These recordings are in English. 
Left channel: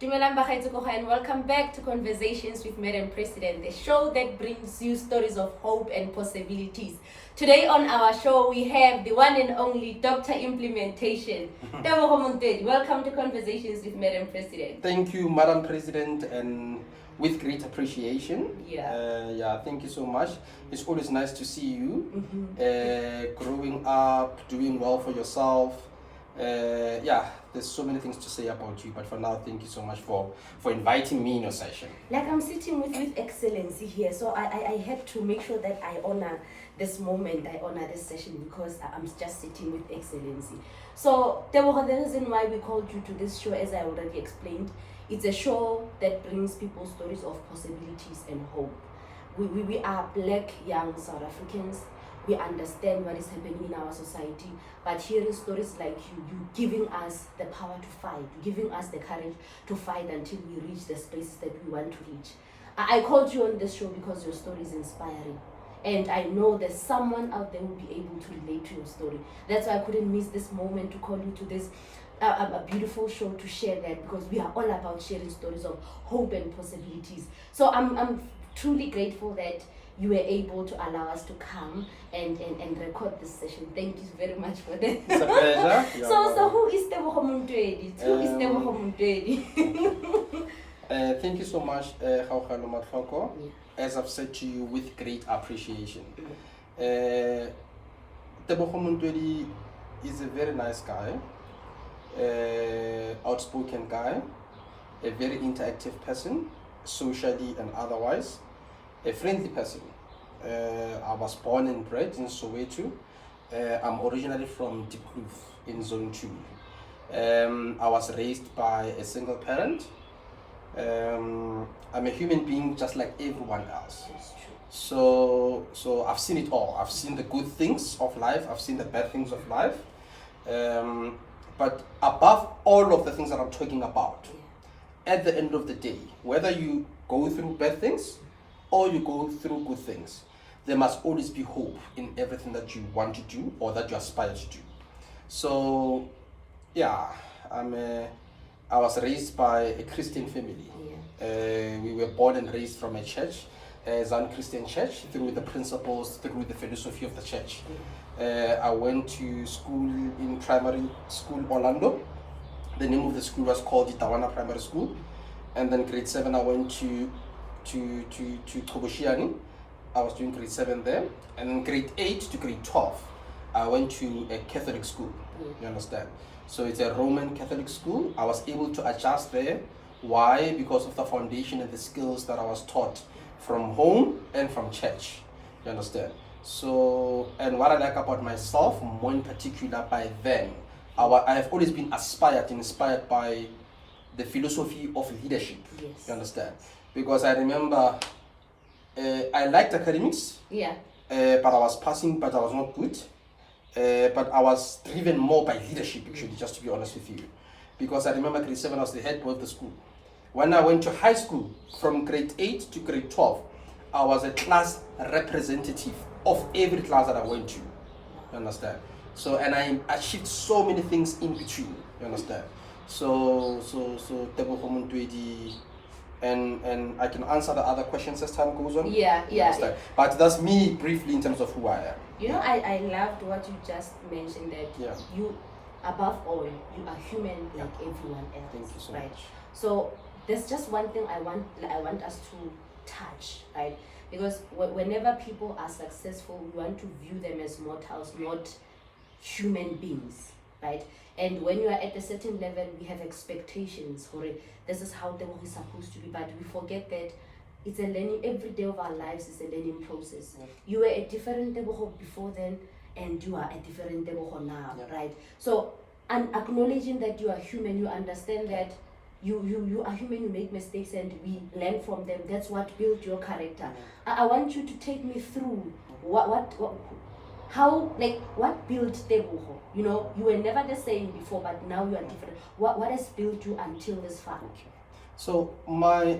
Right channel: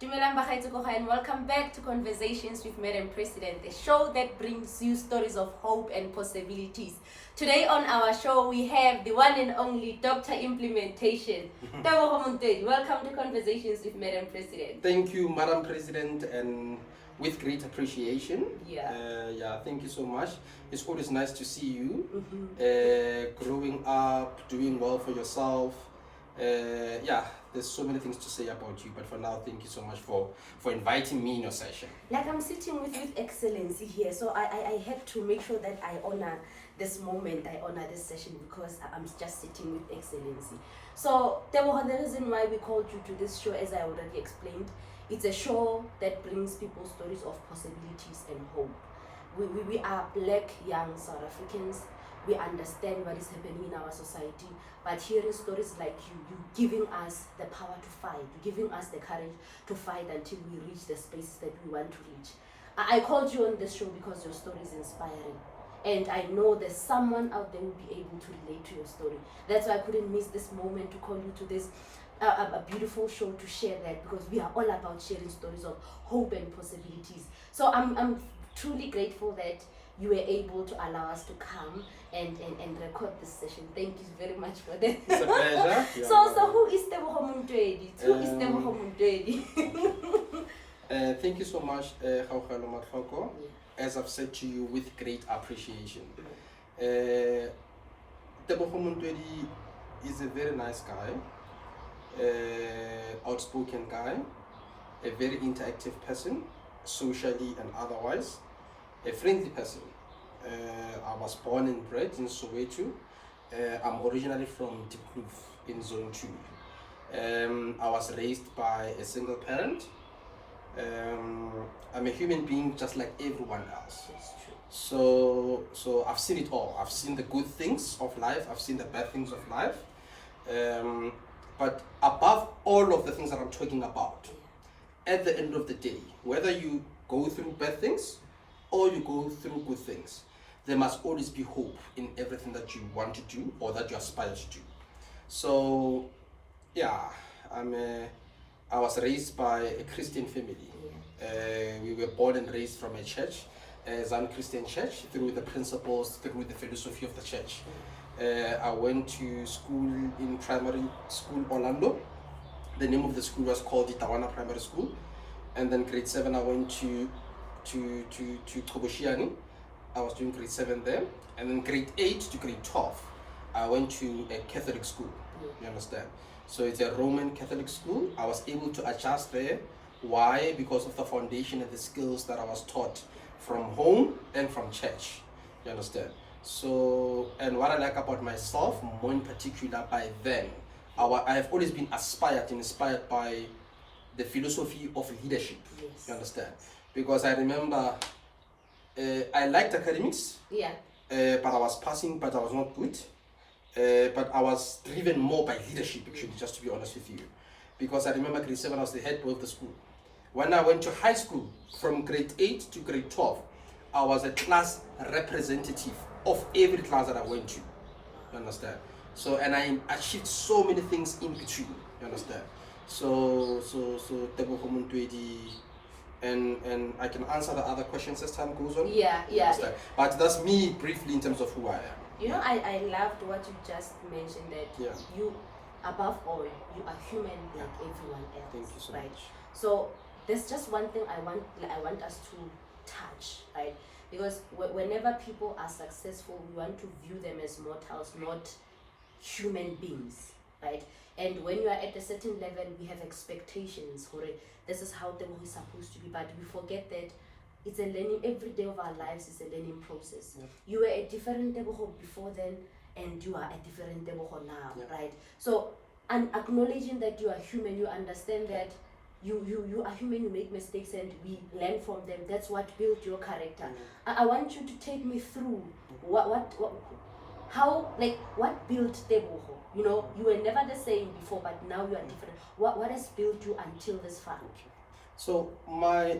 Dumelang bagaetsho and welcome back to Conversations with Madam President, the show that brings you stories of hope and possibilities. Today on our show, we have the one and only Dr. Implementation, Tebogo Montoedi. Welcome to Conversations with Madam President. Thank you, Madam President, and with great appreciation. Thank you so much. It's always nice to see you growing up, doing well for yourself. There's so many things to say about you, but for now, thank you so much for inviting me in your session. Like I'm sitting with excellency here, so I had to make sure that I honor this moment, I honor this session, because I'm just sitting with excellency. So Tebogo, the reason why we called you to this show, as I already explained, it's a show that brings people stories of possibilities and hope. We are black young South Africans. We understand what is happening in our society, but hearing stories like you giving us the power to fight, giving us the courage to fight until we reach the spaces that we want to reach. I called you on this show because your story is inspiring. And I know there's someone out there who will be able to relate to your story. That's why I couldn't miss this moment to call you to this a beautiful show to share that, because we are all about sharing stories of hope and possibilities. So I'm truly grateful that you were able to allow us to come and record this session. Thank you very much for that. It's a pleasure. So who is Tebogo Montoedi? Who is Tebogo Montoedi? Thank you so much, Gaugalo Matlhoko. As I've said to you, with great appreciation. Tebogo Montoedi is a very nice guy, outspoken guy, a very interactive person, socially and otherwise, a friendly person. I was born and bred in Soweto. I'm originally from Tebogo in Zone 2. I was raised by a single parent. I'm a human being just like everyone else. So I've seen it all. I've seen the good things of life. I've seen the bad things of life. But above all of the things that I'm talking about, at the end of the day, whether you go through bad things or you go through good things, there must always be hope in everything that you want to do or that you aspire to do. So, I was raised by a Christian family. We were born and raised from a church, a Zion Christian church, through the principles, through the philosophy of the church. I went to school in primary school Orlando. The name of the school was called Itawana Primary School. And then grade 7 I went to Toboshiani. I was doing grade 7 there. And then grade 8 to grade 12 I went to a Catholic school. You understand? So it's a Roman Catholic school. I was able to adjust there. Why? Because of the foundation and the skills that I was taught from home and from church. You understand? So, and what I like about myself, more in particular by then, I have always been inspired by the philosophy of leadership. Yes. You understand? Because I remember I liked academics, but I was passing, but I was not good. But I was driven more by leadership, actually, just to be honest with you. Because I remember grade 7, I was the head boy of the school. When I went to high school, from grade 8 to grade 12, I was a class representative of every class that I went to. You understand? So, and I achieved so many things in between. You understand? So Tebogo Montoedi, and I can answer the other questions as time goes on. Yeah. But that's me briefly in terms of who I am. You know, I loved what you just mentioned, that you, above all, you are human like everyone else. Thank you so right? much. So there's just one thing I want us to touch, right? Because whenever people are successful, we want to view them as mortals, not human beings, right? And when you are at a certain level, we have expectations. This is how Tebogo is supposed to be, but we forget that it's a learning. Every day of our lives is a learning process. You were a different Tebogo before then, and you are a different Tebogo now, right? So, and acknowledging that you are human, you understand that you are human, you make mistakes, and we learn from them. That's what built your character. I want you to take me through what built Tebogo? You know, you were never the same before, but now you are different. What has built you until this far? Okay. So my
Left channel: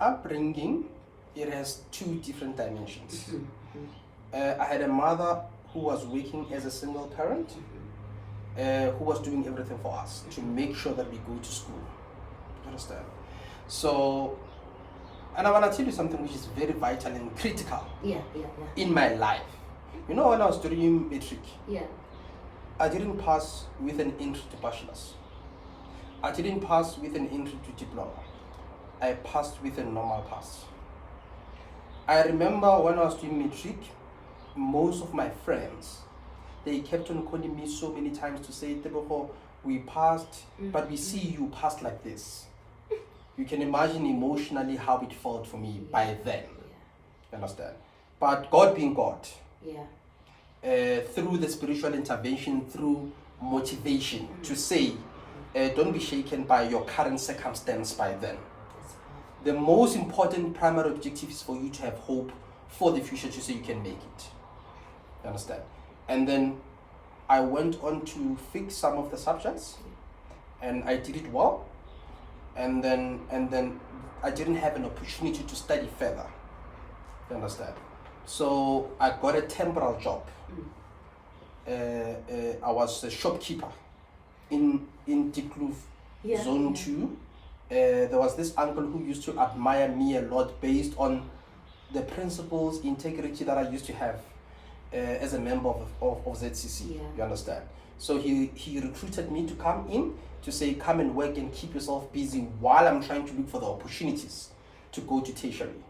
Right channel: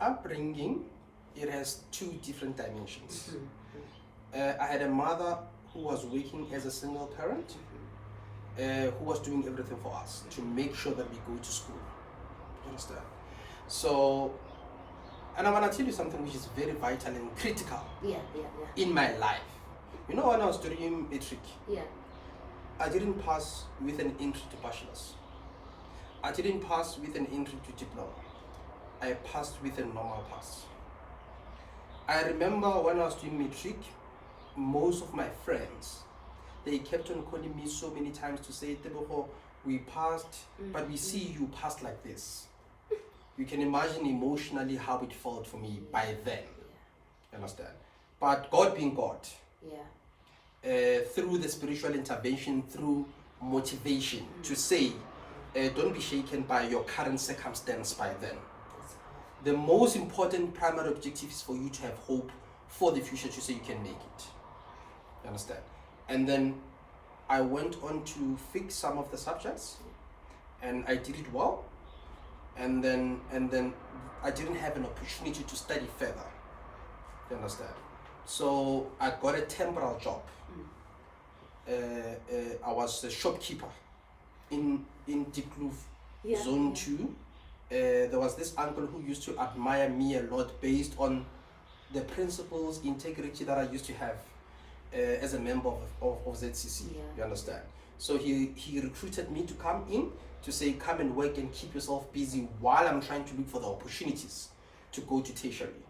upbringing, it has two different dimensions. I had a mother who was working as a single parent, who was doing everything for us to make sure that we go to school. You understand? So, and I want to tell you something which is very vital and critical in my life. You know, when I was doing matric, I didn't pass with an entry to bachelor's. I didn't pass with an entry to diploma. I passed with a normal pass. I remember when I was doing matric, most of my friends, they kept on calling me so many times to say, Tebogo, we passed, but we see you passed like this. You can imagine emotionally how it felt for me by then. You understand? But God being God, through the spiritual intervention, through motivation, to say, don't be shaken by your current circumstance by then. The most important primary objective is for you to have hope for the future, to say you can make it. You understand? And then I went on to fix some of the subjects, and I did it well. And then I didn't have an opportunity to study further. You understand? So I got a temporal job. I was a shopkeeper in Dikloof, Zone 2. There was this uncle who used to admire me a lot based on the principles, integrity that I used to have as a member of ZCC. You understand? So he recruited me to come in, to say, come and work and keep yourself busy while I'm trying to look for the opportunities to go to tertiary.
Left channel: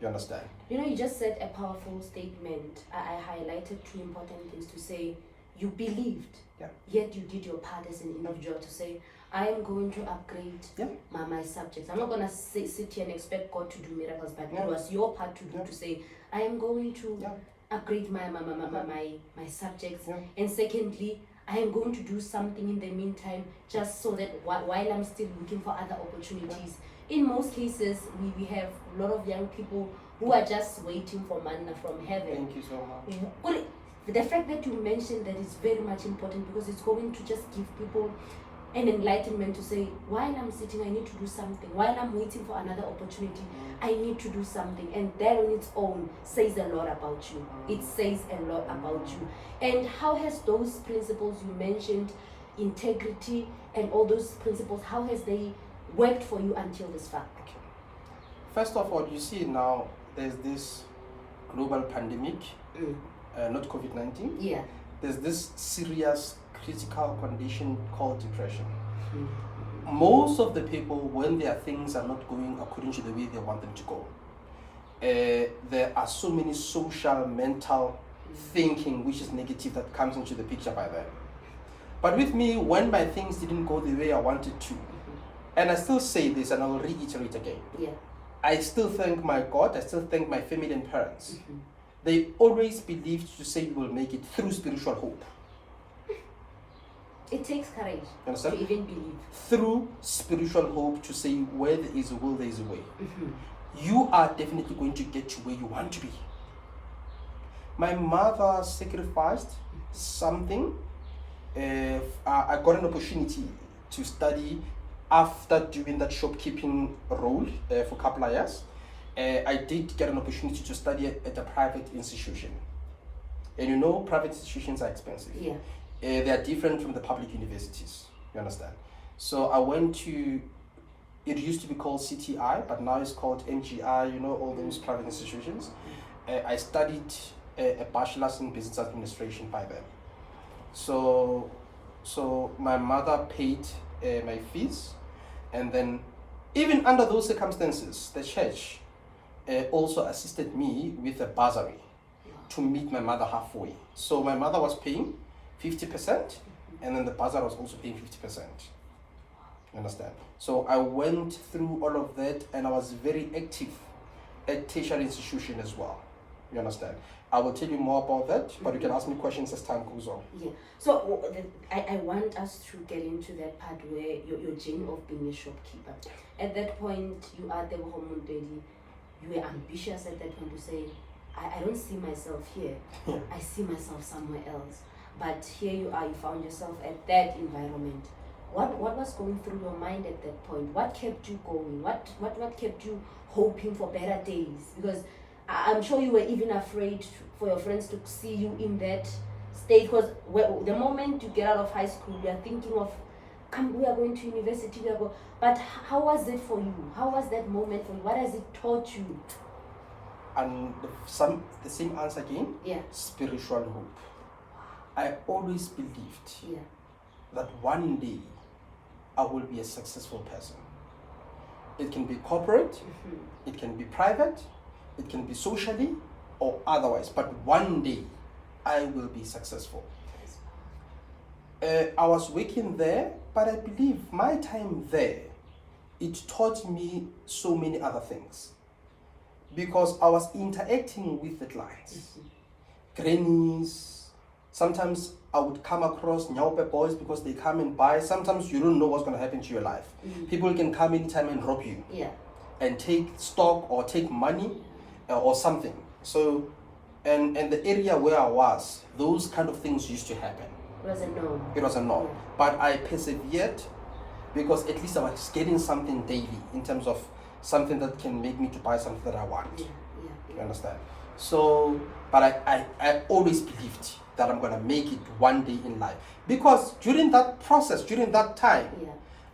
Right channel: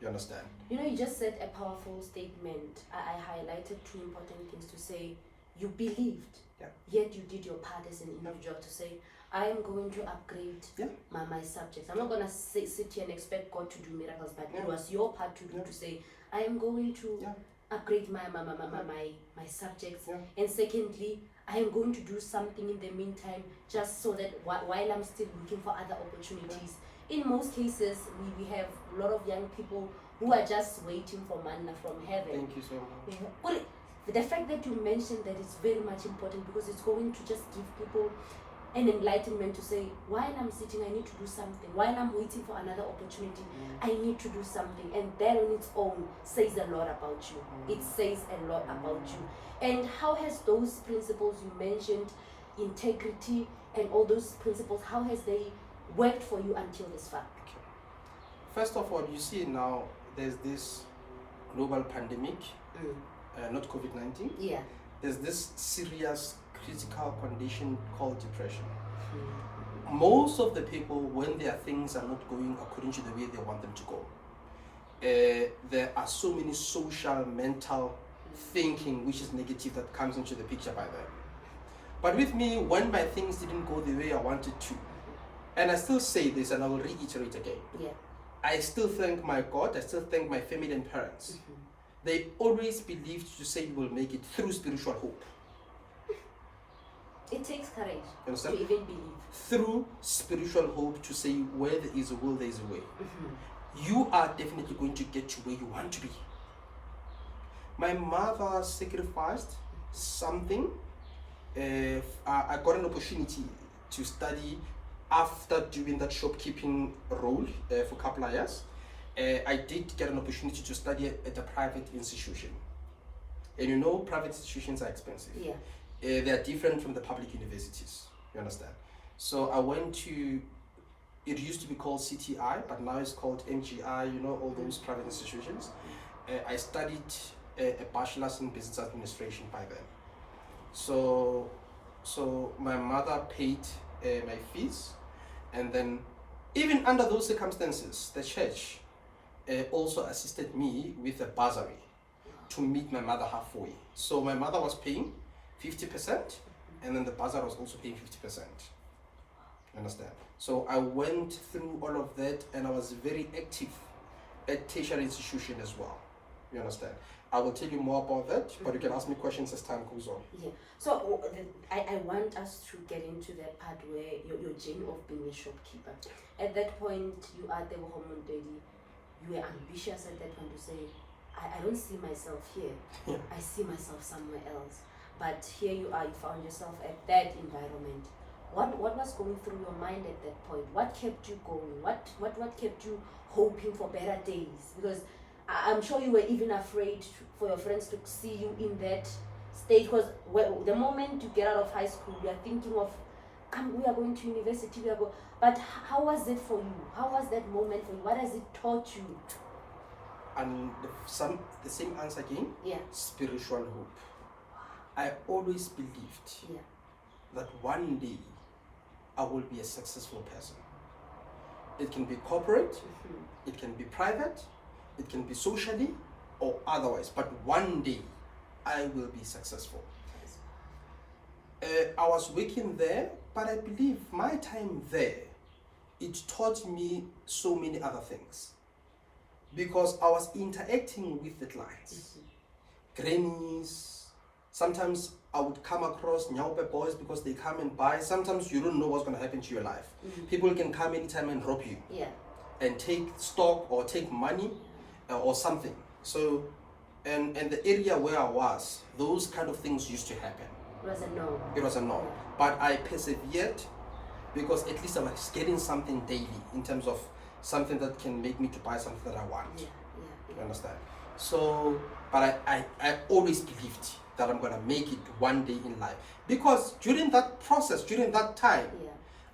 You understand? You know, you just said a powerful statement. I highlighted two important things to say. You believed, yet you did your part as an individual to say, I am going to upgrade my subjects. I'm not going to sit here and expect God to do miracles, but it was your part to do, to say, I am going to upgrade my subjects. And secondly, I am going to do something in the meantime, just so that while I'm still looking for other opportunities. In most cases, we have a lot of young people who are just waiting for manna from heaven. Thank you so much. The fact that you mentioned that is very much important, because it's going to just give people an enlightenment to say, while I'm sitting, I need to do something. While I'm waiting for another opportunity, I need to do something. And that on its own says a lot about you. It says a lot about you. And how has those principles you mentioned, integrity and all those principles, how has they worked for you until this far? Okay. First of all, you see now there's this global pandemic, not COVID-19. There's this serious critical condition called depression. Most of the people, when their things are not going according to the way they want them to go, there are so many social, mental thinking which is negative that comes into the picture by them. But with me, when my things didn't go the way I wanted to, and I still say this and I will reiterate again, I still thank my God, I still thank my family and parents. They always believed to say you will make it through spiritual hope. It takes courage to even believe. Through spiritual hope, to say where there is a will, there is a way. You are definitely going to get to where you want to be. My mother sacrificed something. I got an opportunity to study after doing that shopkeeping role for a couple of years. I did get an opportunity to study at a private institution. And you know, private institutions are expensive. They are different from the public universities, you understand? So I went to, it used to be called CTI, but now it's called MGI, you know, all those private institutions. I studied a bachelor's in business administration by them. So my mother paid my fees, and then even under those circumstances, the church also assisted me with a bursary to meet my mother halfway. So my mother was paying 50%, and then the bursar was also paying 50%. You understand? So I went through all of that, and I was very active at tertiary institution as well. You understand? I will tell you more about that, but you can ask me questions as time goes on. So I want us to get into that part where your journey of being a shopkeeper. At that point, you are Tebogo Montoedi. You were ambitious at that point to say, I don't see myself here. I see myself somewhere else. But here you are, you found yourself at that environment. What was going through your mind at that point? What kept you going? What kept you hoping for better days? Because I'm sure you were even afraid for your friends to see you in that state. Because the moment you get out of high school, you are thinking of, we are going to university, But how was it for you? How was that moment for you? What has it taught you? And the same answer again. Yeah. Spiritual hope. I always believed that one day I will be a successful person. It can be corporate, it can be private, it can be socially or otherwise, but one day I will be successful. I was working there, but I believe my time there, it taught me so many other things. Because I was interacting with the clients, grannies. Sometimes I would come across Nyaupe boys because they come and buy. Sometimes you don't know what's going to happen to your life. People can come anytime and rob you and take stock or take money or something. So, and the area where I was, those kind of things used to happen. It was a no. It was a no. But I persevered because at least I was getting something daily in terms of something that can make me to buy something that I want. You understand? So, but I always believed that I'm going to make it one day in life. Because during that process, during that time,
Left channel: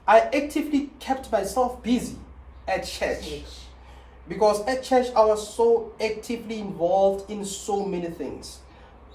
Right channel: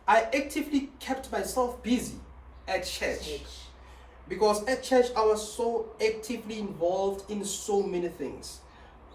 I actively kept myself busy at church. Because at church, I was so actively involved in so many things.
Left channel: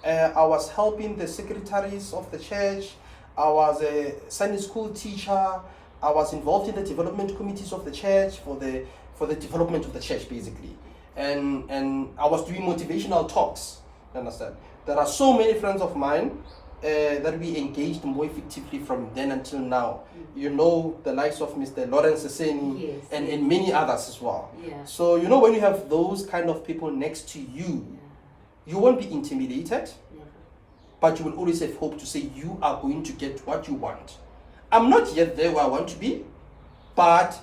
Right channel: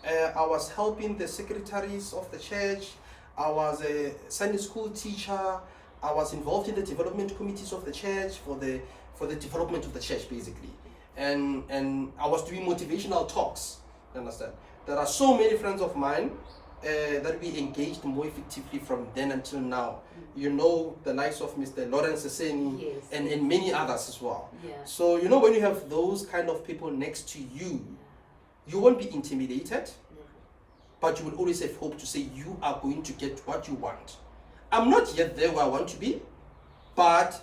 I was helping the secretaries of the church. I was a Sunday school teacher. I was involved in the development committees of the church for the development of the church, basically. And I was doing motivational talks. You understand? There are so many friends of mine that we engaged more effectively from then until now. You know, the likes of Mr. Lawrence Seseni and many others as well. So, you know, when you have those kind of people next to you, you won't be intimidated, but you will always have hope to say you are going to get what you want. I'm not yet there where I want to be, but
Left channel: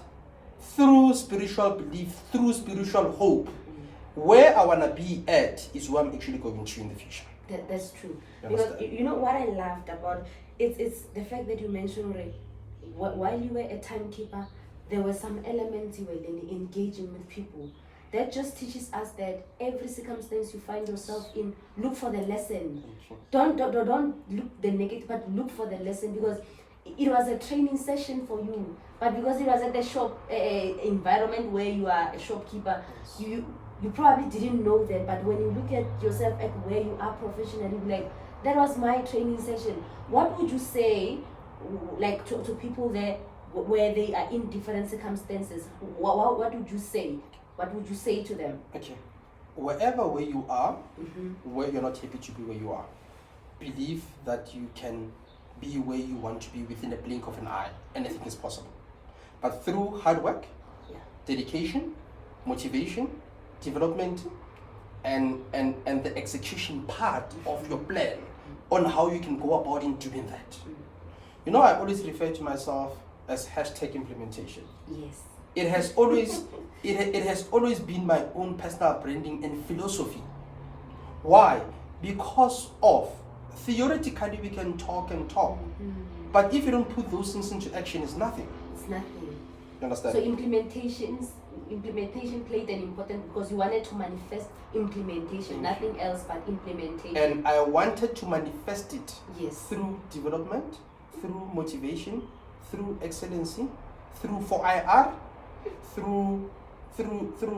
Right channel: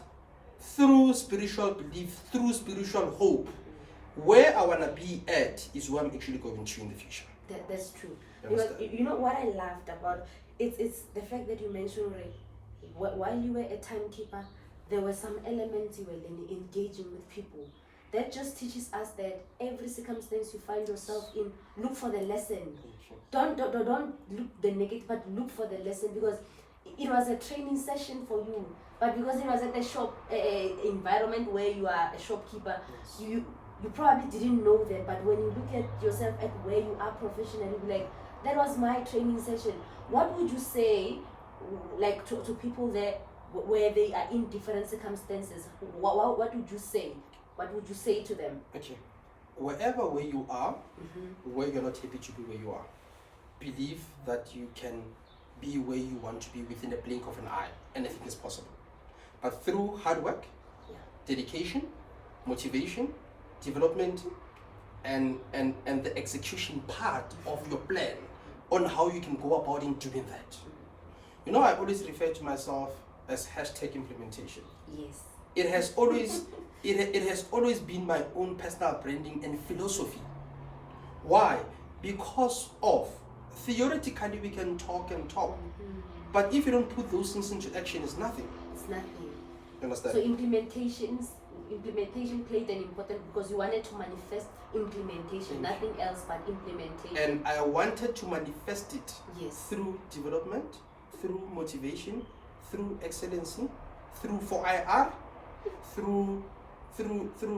through spiritual belief, through spiritual hope, where I want to be at is where I'm actually going to in the future. That's true. Because you know what I laughed about? It's the fact that you mentioned, Ray, while you were a timekeeper, there were some elements you were then engaging with people. That just teaches us that every circumstance you find yourself in, look for the lesson. Don't look the negative, but look for the lesson, because it was a training session for you. But because it was at the shop environment where you are a shopkeeper, you probably didn't know that. But when you look at yourself at where you are professionally, like, that was my training session. What would you say, like, to people there where they are in different circumstances? What would you say? What would you say to them? Okay. Wherever where you are, where you're not happy to be where you are, believe that you can be where you want to be within a blink of an eye. Anything is possible. But through hard work, dedication, motivation, development, and the execution part of your plan on how you can go about in doing that. You know, I always refer to myself as #implementation. Yes. It has always it has always been my own personal branding and philosophy. Why? Because of theoretically we can talk and talk, but if you don't put those things into action, it's nothing. It's nothing. You understand? So implementation played an important, because you wanted to manifest implementation, nothing else but implementation. And I wanted to manifest it through development, through motivation, through excellency, through 4IR, through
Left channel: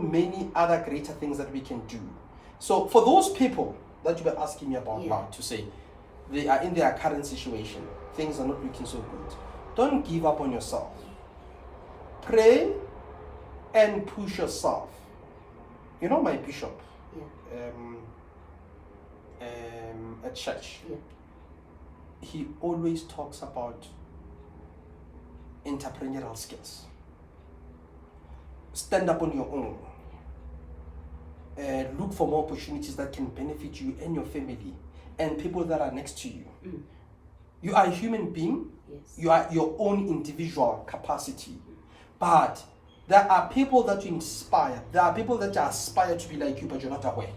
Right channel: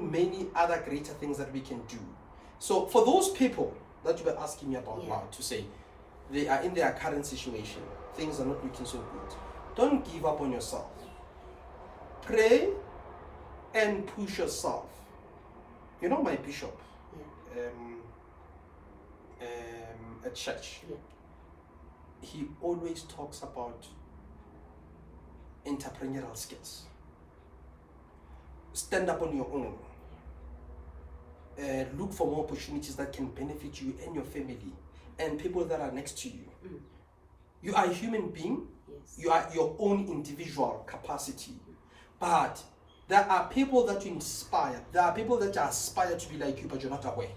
many other greater things that we can do. So for those people that you were asking me about now, to say they are in their current situation, things are not looking so good, don't give up on yourself. Pray and push yourself. You know, my bishop at church, he always talks about entrepreneurial skills. Stand up on your own. Look for more opportunities that can benefit you and your family and people that are next to you. You are a human being. You are your own individual capacity. But there are people that you inspire. There are people that aspire to be like you, but you're not aware.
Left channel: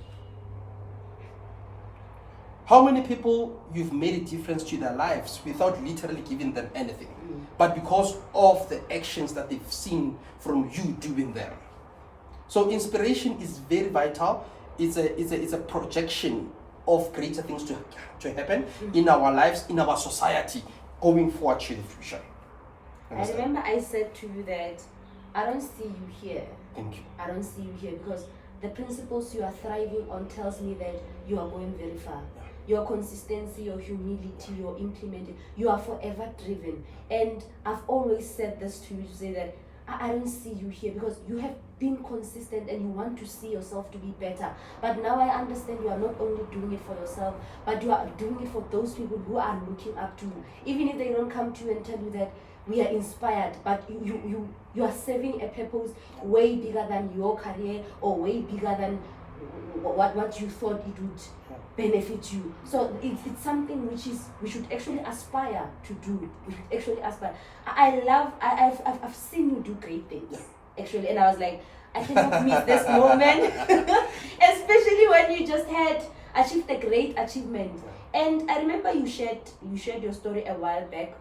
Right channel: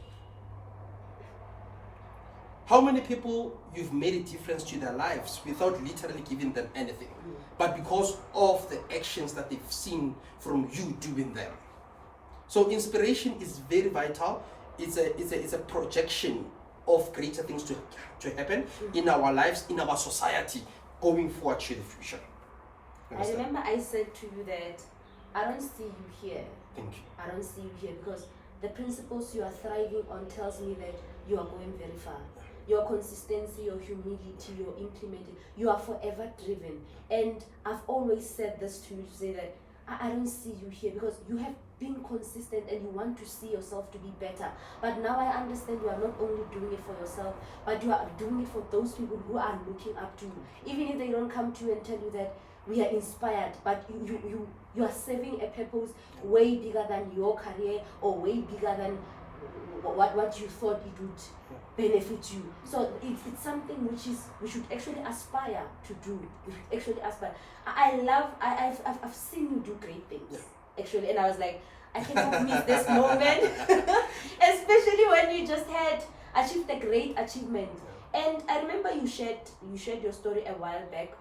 How many people you've made a difference to their lives without literally giving them anything, but because of the actions that they've seen from you doing them? So inspiration is very vital. It's a projection of greater things to happen in our lives, in our society, going forward to the future. I remember I said to you that I don't see you here. Thank you. I don't see you here because the principles you are thriving on tells me that you are going very far. Yeah. Your consistency, your humility, your implementing, you are forever driven. And I've always said this to you to say that I don't see you here because you have been consistent and you want to see yourself to be better. But now I understand you are not only doing it for yourself, but you are doing it for those people who are looking up to you. Even if they don't come to you and tell you that we are inspired, but you are serving a purpose way bigger than your career or way bigger than what you thought it would benefit you. So it's something which is we should actually aspire to do. We should actually aspire. I've seen you do great things actually, and I was like, I cannot miss this moment, especially when you just had achieved a great achievement. And I remember you shared your story a while back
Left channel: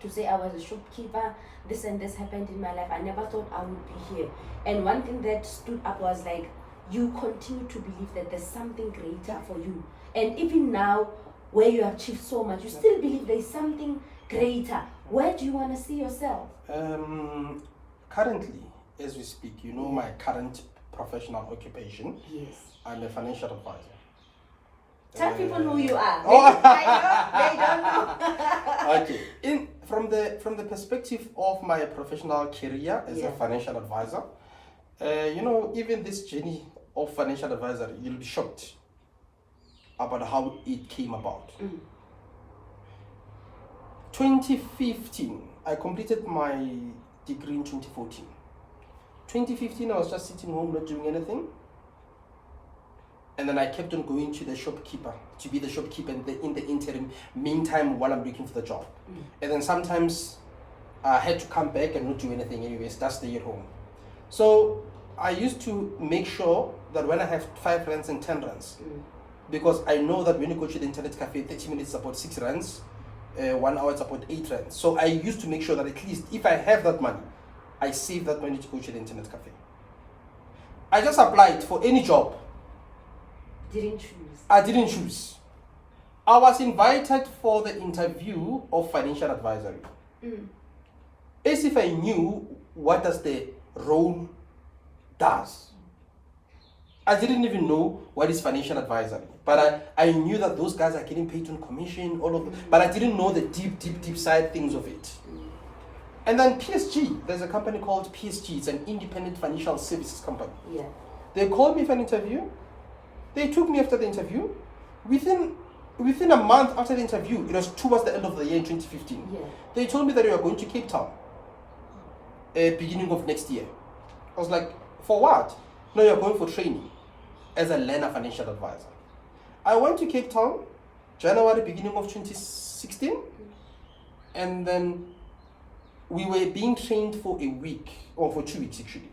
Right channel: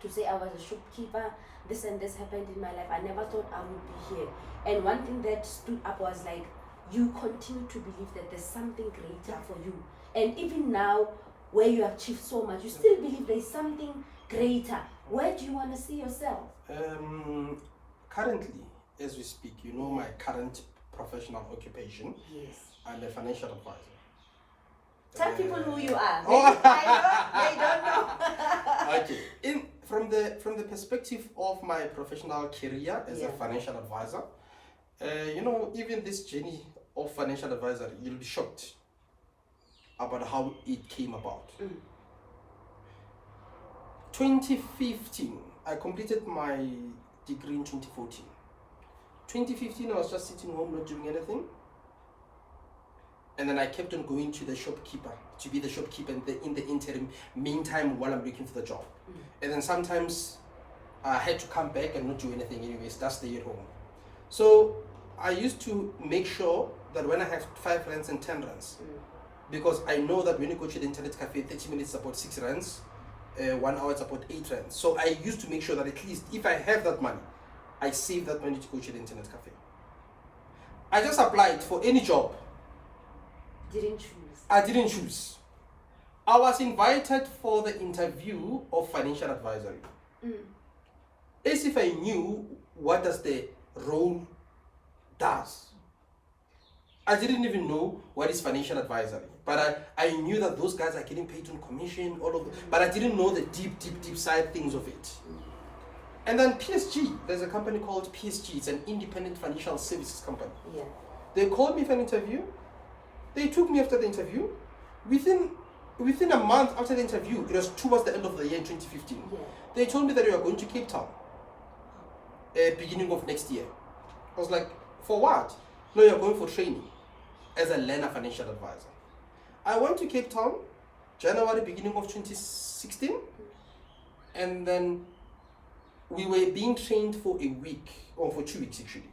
to say I was a shopkeeper, this and this happened in my life. I never thought I would be here. And one thing that stood up was like, you continue to believe that there's something greater for you. And even now, where you have achieved so much, you still believe there's something greater. Where do you want to see yourself? Currently, as we speak, you know my current professional occupation. Yes. I'm a financial advisor. Tell people who you are. They don't know. Okay. From the perspective of my professional career as a financial advisor, even this journey of financial advisory, you'll be shocked about how it came about. 2015, I completed my degree in 2014. 2015, I was just sitting home not doing anything. And then I kept on going to the shopkeeper, to be the shopkeeper in the interim, meantime, while I'm looking for the job. And then sometimes I had to come back and not do anything anyways, just stay at home. So I used to make sure that when I have 5 rands and 10 rands, because I know that when you go to the internet cafe, 30 minutes is about 6 rands, 1 hour is about 8 rands. So I used to make sure that at least if I have that money, I save that money to go to the internet cafe. I just applied for any job. Didn't choose. I didn't choose. I was invited for the interview of financial advisory. As if I knew what does the role does. I didn't even know what is financial advisory, but I knew that those guys are getting paid on commission, all of them, but I didn't know the deep side things of it. And then PSG, there's a company called PSG, it's an independent financial services company. Yeah. They called me for an interview. They took me after the interview. Within a month after the interview, it was towards the end of the year in 2015. Yeah. They told me that you are going to Cape Town, beginning of next year. I was like, for what? No, you're going for training as a learner financial advisor. I went to Cape Town, January, beginning of 2016, and then we were being trained for a week, or for 2 weeks actually.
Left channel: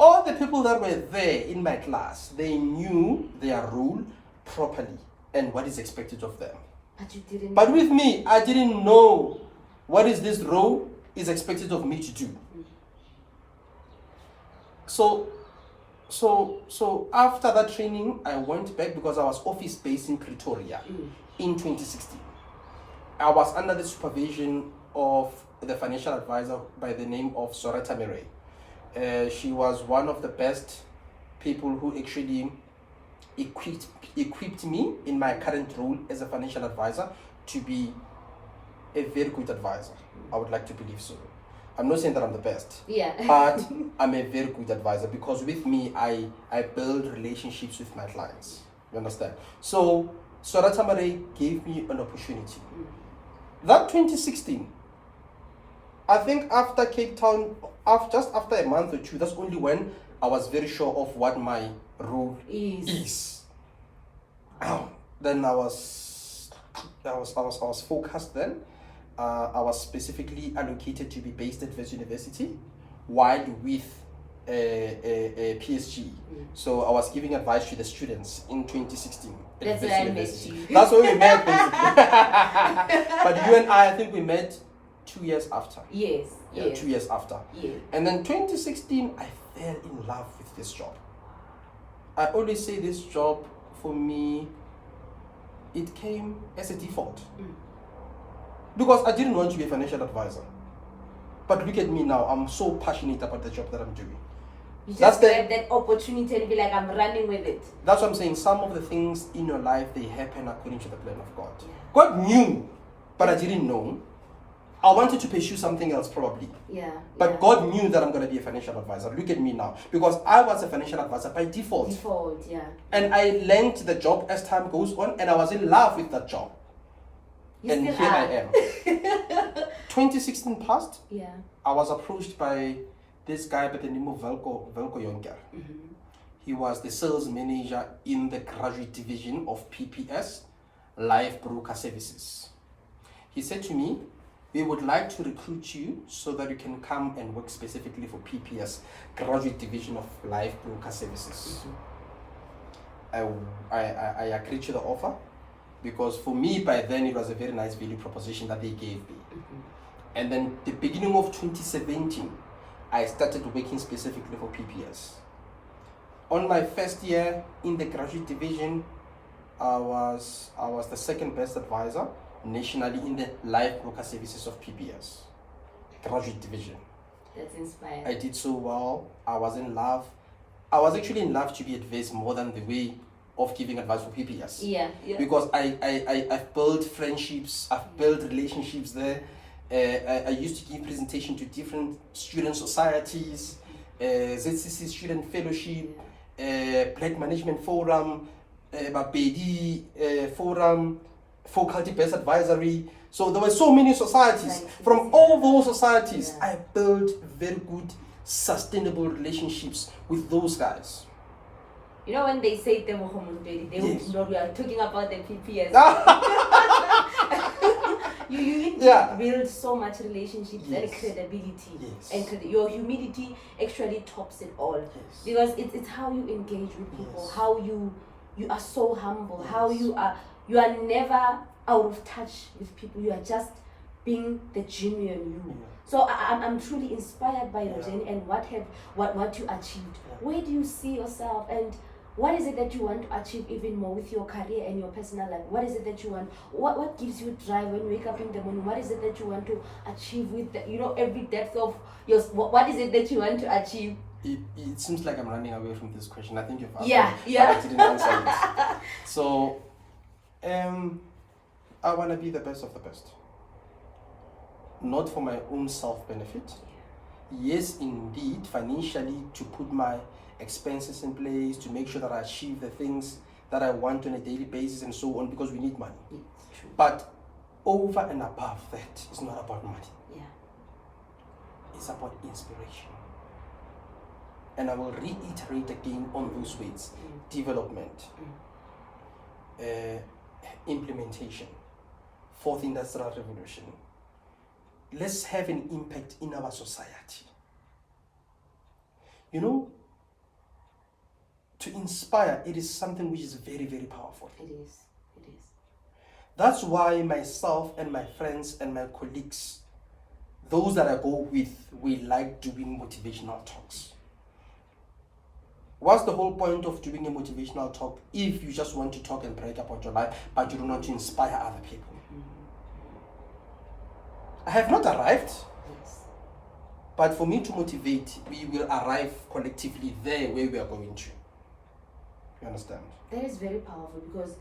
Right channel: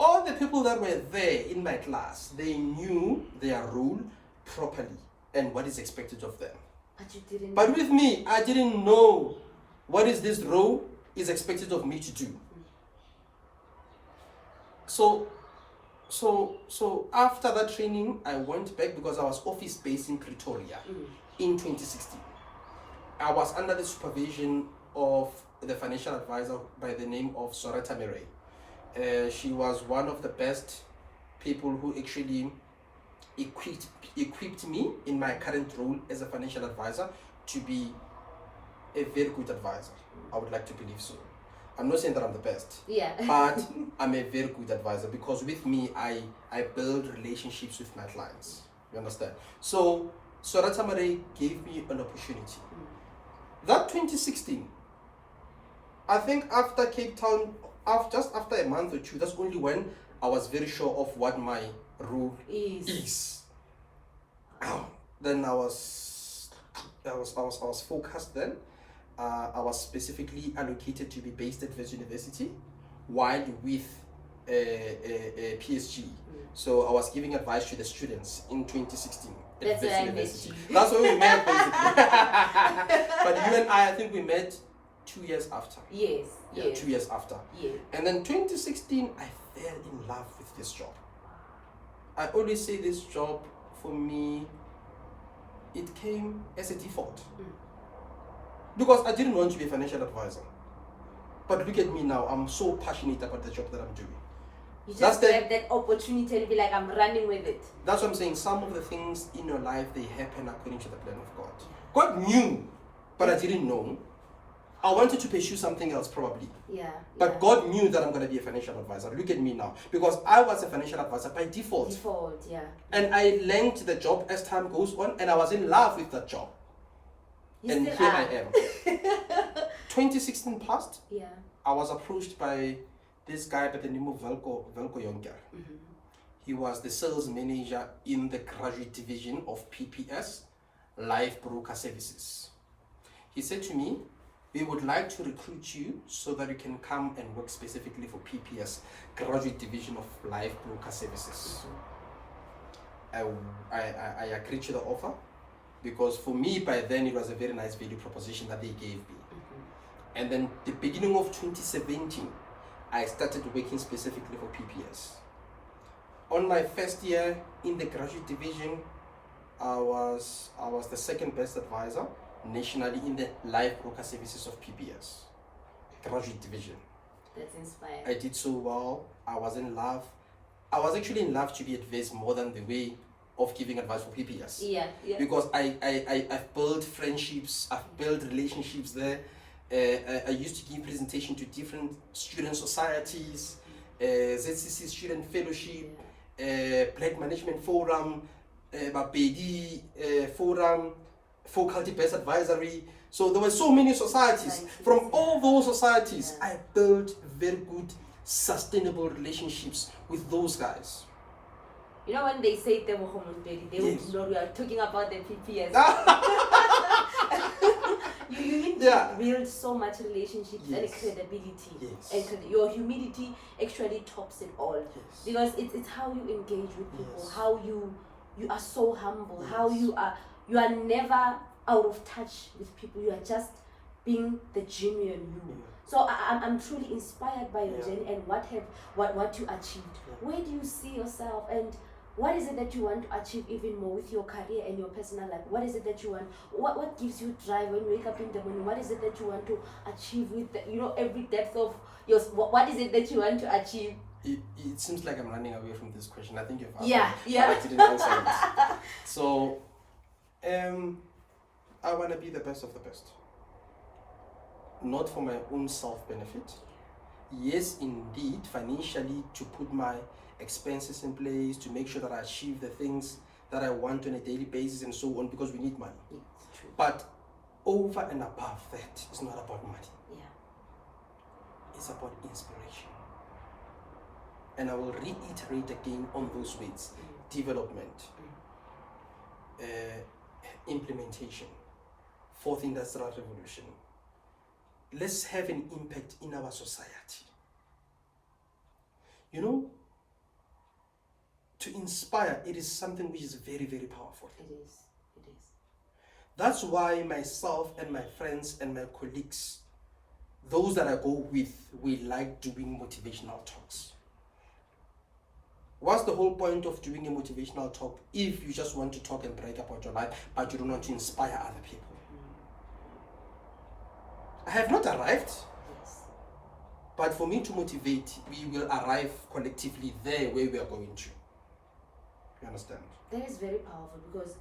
All the people that were there in my class, they knew their role properly and what is expected of them. But you didn't. But with me, I didn't know what is this role is expected of me to do. So after that training, I went back because I was office based in Pretoria in 2016. I was under the supervision of the financial advisor by the name of Sorata Mere. She was one of the best people who actually equipped me in my current role as a financial advisor to be a very good advisor. I would like to believe so. I'm not saying that I'm the best, but I'm a very good advisor because with me, I build relationships with my clients. You understand? So Sorata Mere gave me an opportunity. That 2016, I think after Cape Town, just after a month or two, that's only when I was very sure of what my role is. Then I was focused then. I was specifically allocated to be based at Wits University while with PSG. So I was giving advice to the students in 2016 at Wits University. That's where we met basically. But you and I think we met 2 years after. Yes. Yeah, 2 years after. Yes. And then 2016, I fell in love with this job. I always say this job for me, it came as a default. Because I didn't want to be a financial advisor. But look at me now. I'm so passionate about the job that I'm doing. You just grab that opportunity and be like, I'm running with it. That's what I'm saying. Some of the things in your life, they happen according to the plan of God. Yeah. God knew, but I didn't know. I wanted to pursue something else probably. Yeah. But God knew that I'm going to be a financial advisor. Look at me now. Because I was a financial advisor by default. Default, yeah. And I learned the job as time goes on, and I was in love with that job. And here I am. 2016 passed. Yeah. I was approached by this guy by the name of Velko Jonker. Mm-hmm. He was the sales manager in the graduate division of PPS, Life Broker Services. He said to me, we would like to recruit you so that you can come and work specifically for PPS, graduate division of Life Broker Services. Mm-hmm. I agreed to the offer because for me by then it was a very nice value proposition that they gave me. Mm-hmm. And then the beginning of 2017, I started working specifically for PPS. On my first year in the graduate division, I was the second best advisor nationally in the live broker services of PPS graduate division. That's inspiring. I did so well. I was in love. I was actually in love to be advised more than the way of giving advice for PPS. Yeah. Because I've built friendships, I've built relationships there. I used to give presentation to different student societies, ZCC Student Fellowship, Black Management Forum, Bapedi Forum, Faculty Based Advisory. So there were so many societies. From all those societies, I built very good, sustainable relationships with those guys. You know when they say Tebogo, Montoedi, they would know we are talking about the PPS. You build so much relationships and credibility, and your humility actually tops it all, because it's how you engage with people, how you are so humble, how you are never out of touch with people. You are just being the genuine you. So I'm truly inspired by your journey and what you achieved. Where do you see yourself, and what is it that you want to achieve even more with your career and your personal life? What is it that you want? What gives you drive when you wake up in the morning? What is it that you want to achieve with every depth of your? What is it that you want to achieve? It seems like I'm running away from this question. I think you've asked but I didn't answer it. So, I want to be the best of the best. Not for my own self-benefit. Yes, indeed, financially, to put my expenses in place, to make sure that I achieve the things that I want on a daily basis and so on, because we need money. True. But over and above that, it's not about money. Yeah. It's about inspiration. And I will reiterate again on those words. Development, implementation, fourth industrial revolution. Let's have an impact in our society. To inspire, it is something which is very, very powerful. It is. That's why myself and my friends and my colleagues, those that I go with, we like doing motivational talks. What's the whole point of doing a motivational talk if you just want to talk and brag about your life, but you don't want to inspire other people? I have not arrived, but for me to motivate, we will arrive collectively there where we are going to. You understand? That is very powerful, because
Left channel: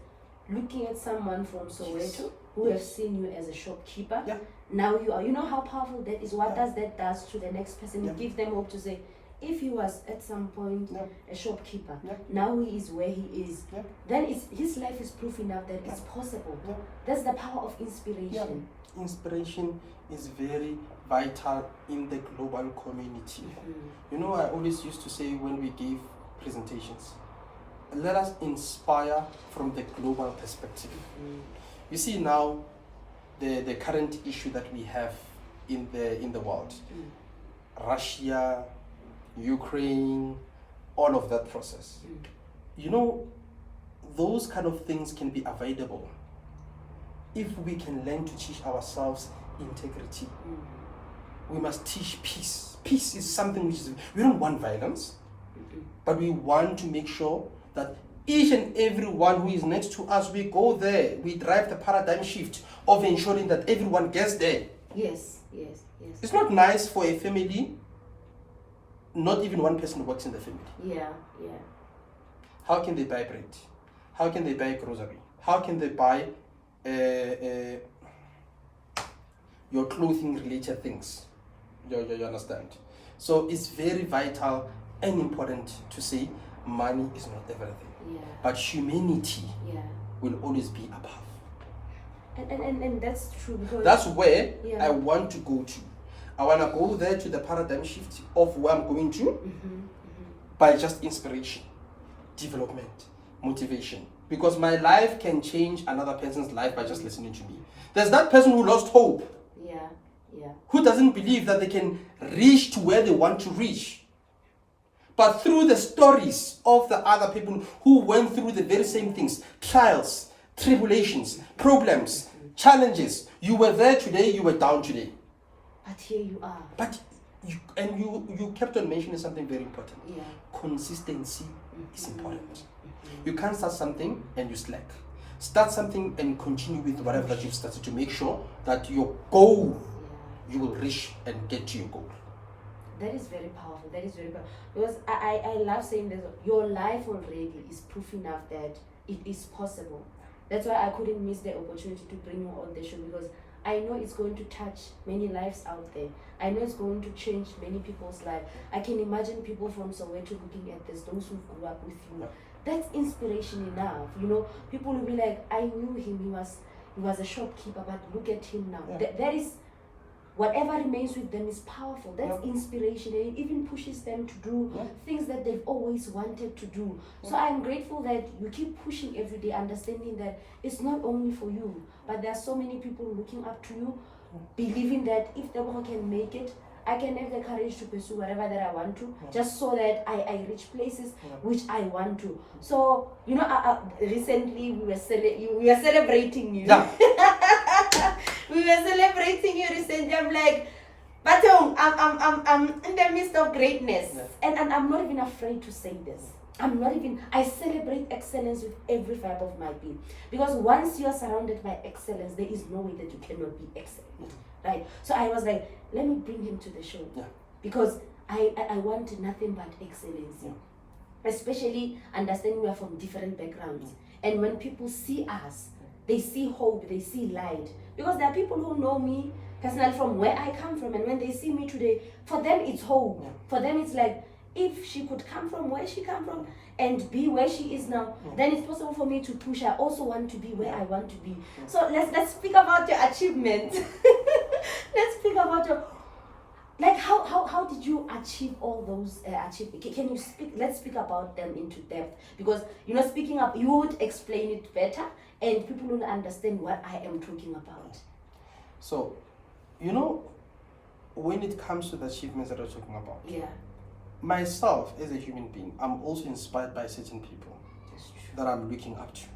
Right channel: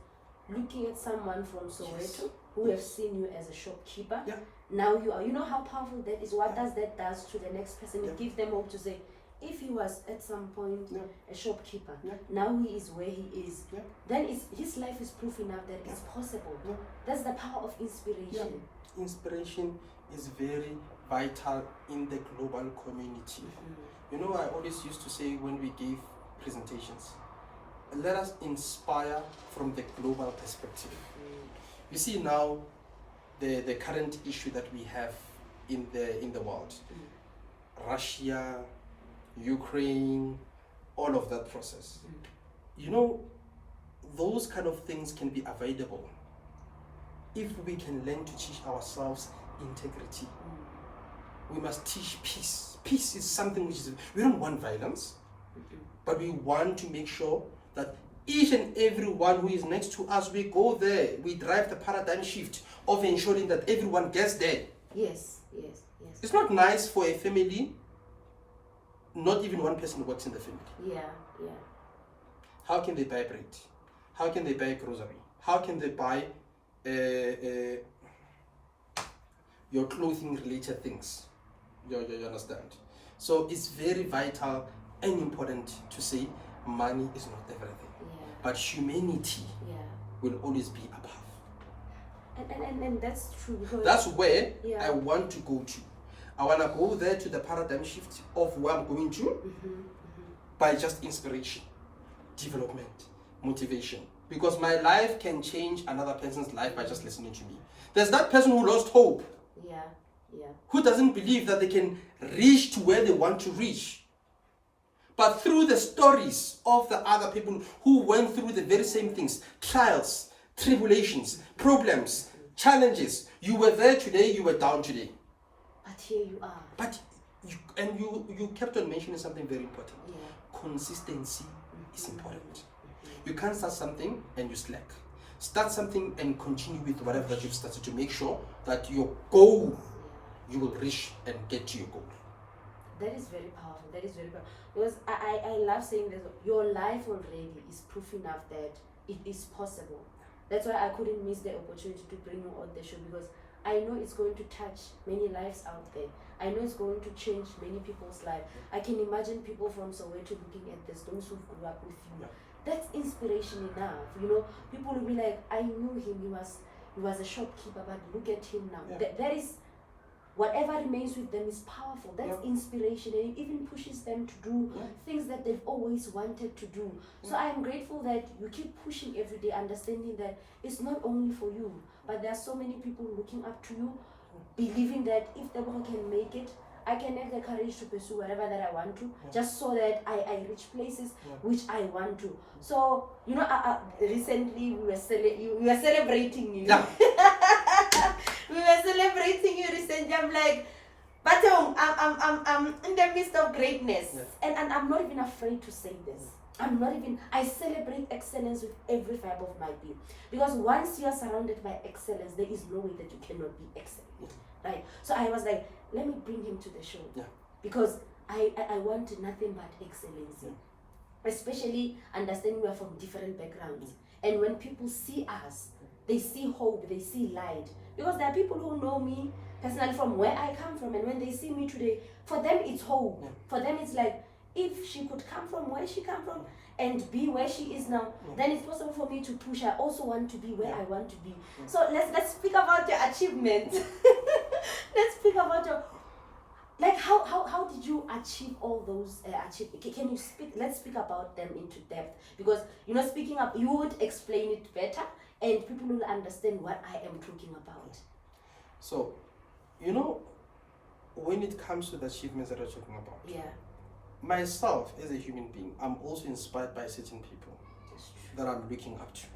looking at someone from Soweto who have seen you as a shopkeeper, now you are, how powerful that is. What does that does to the next person? It gives them hope to say, if he was at some point a shopkeeper, now he is where he is, then his life is proof enough that it's possible. That's the power of inspiration. Inspiration is very vital in the global community. I always used to say when we give presentations, let us inspire from the global perspective. You see now the current issue that we have in the world, Russia, Ukraine, all of that process. Those kind of things can be avoidable if we can learn to teach ourselves integrity. We must teach peace. Peace is something which is, we don't want violence, but we want to make sure that each and every one who is next to us, we go there, we drive the paradigm shift of ensuring that everyone gets there. Yes. It's not nice for a family, not even one person works in the family. Yeah. How can they buy bread? How can they buy grocery? How can they buy your clothing related things? You understand? So it's very vital and important to say money is not everything. Yeah. But humanity will always be above. And that's true, because that's where I want to go to. I want to go there to the paradigm shift of where I'm going to by just inspiration, development, motivation. Because my life can change another person's life by just listening to me. There's that person who lost hope. Who doesn't believe that they can reach to where they want to reach. But through the stories of the other people who went through the very same things, trials, tribulations, problems, challenges, you were there today, you were down today. But here you are. But you kept on mentioning something very important. Consistency is important. You can't start something and you slack. Start something and continue with whatever that you've started to make sure that your goal, you will reach and get to your goal. That is very powerful. Because I love saying this. Your life already is proof enough that it is possible. That's why I couldn't miss the opportunity to bring you on the show, because I know it's going to touch many lives out there. I know it's going to change many people's lives. I can imagine people from Soweto looking at this, those who grew up with you. That's inspiration enough. People will be like, I knew him, he was a shopkeeper, but look at him now. That is, whatever remains with them is powerful. That's inspiration, and it even pushes them to do things that they've always wanted to do. So I am grateful that you keep pushing every day, understanding that it's not only for you, but there are so many people looking up to you, believing that if Tebogo can make it, I can have the courage to pursue whatever that I want to, just so that I reach places which I want to. So, recently we were celebrating you. We were celebrating you recently. I'm like, but I'm in the midst of greatness. And I'm not even afraid to say this. I celebrate excellence with every fiber of my being. Because once you are surrounded by excellence, there is no way that you cannot be excellent. Right? So I was like, let me bring him to the show. Because I want nothing but excellency. Especially understanding we are from different backgrounds. And when people see us, they see hope, they see light. Because there are people who know me personally from where I come from, and when they see me today, for them it's hope. For them it's like, if she could come from where she come from and be where she is now, then it's possible for me to push. I also want to be where I want to be. So let's speak about your achievements. Let's speak about your, like, how did you achieve all those achievements? Can you speak? Let's speak about them into depth, because speaking up, you would explain it better, and people will understand what I am talking about. So, when it comes to the achievements that I'm talking about, myself as a human being, I'm also inspired by certain people that I'm looking up to.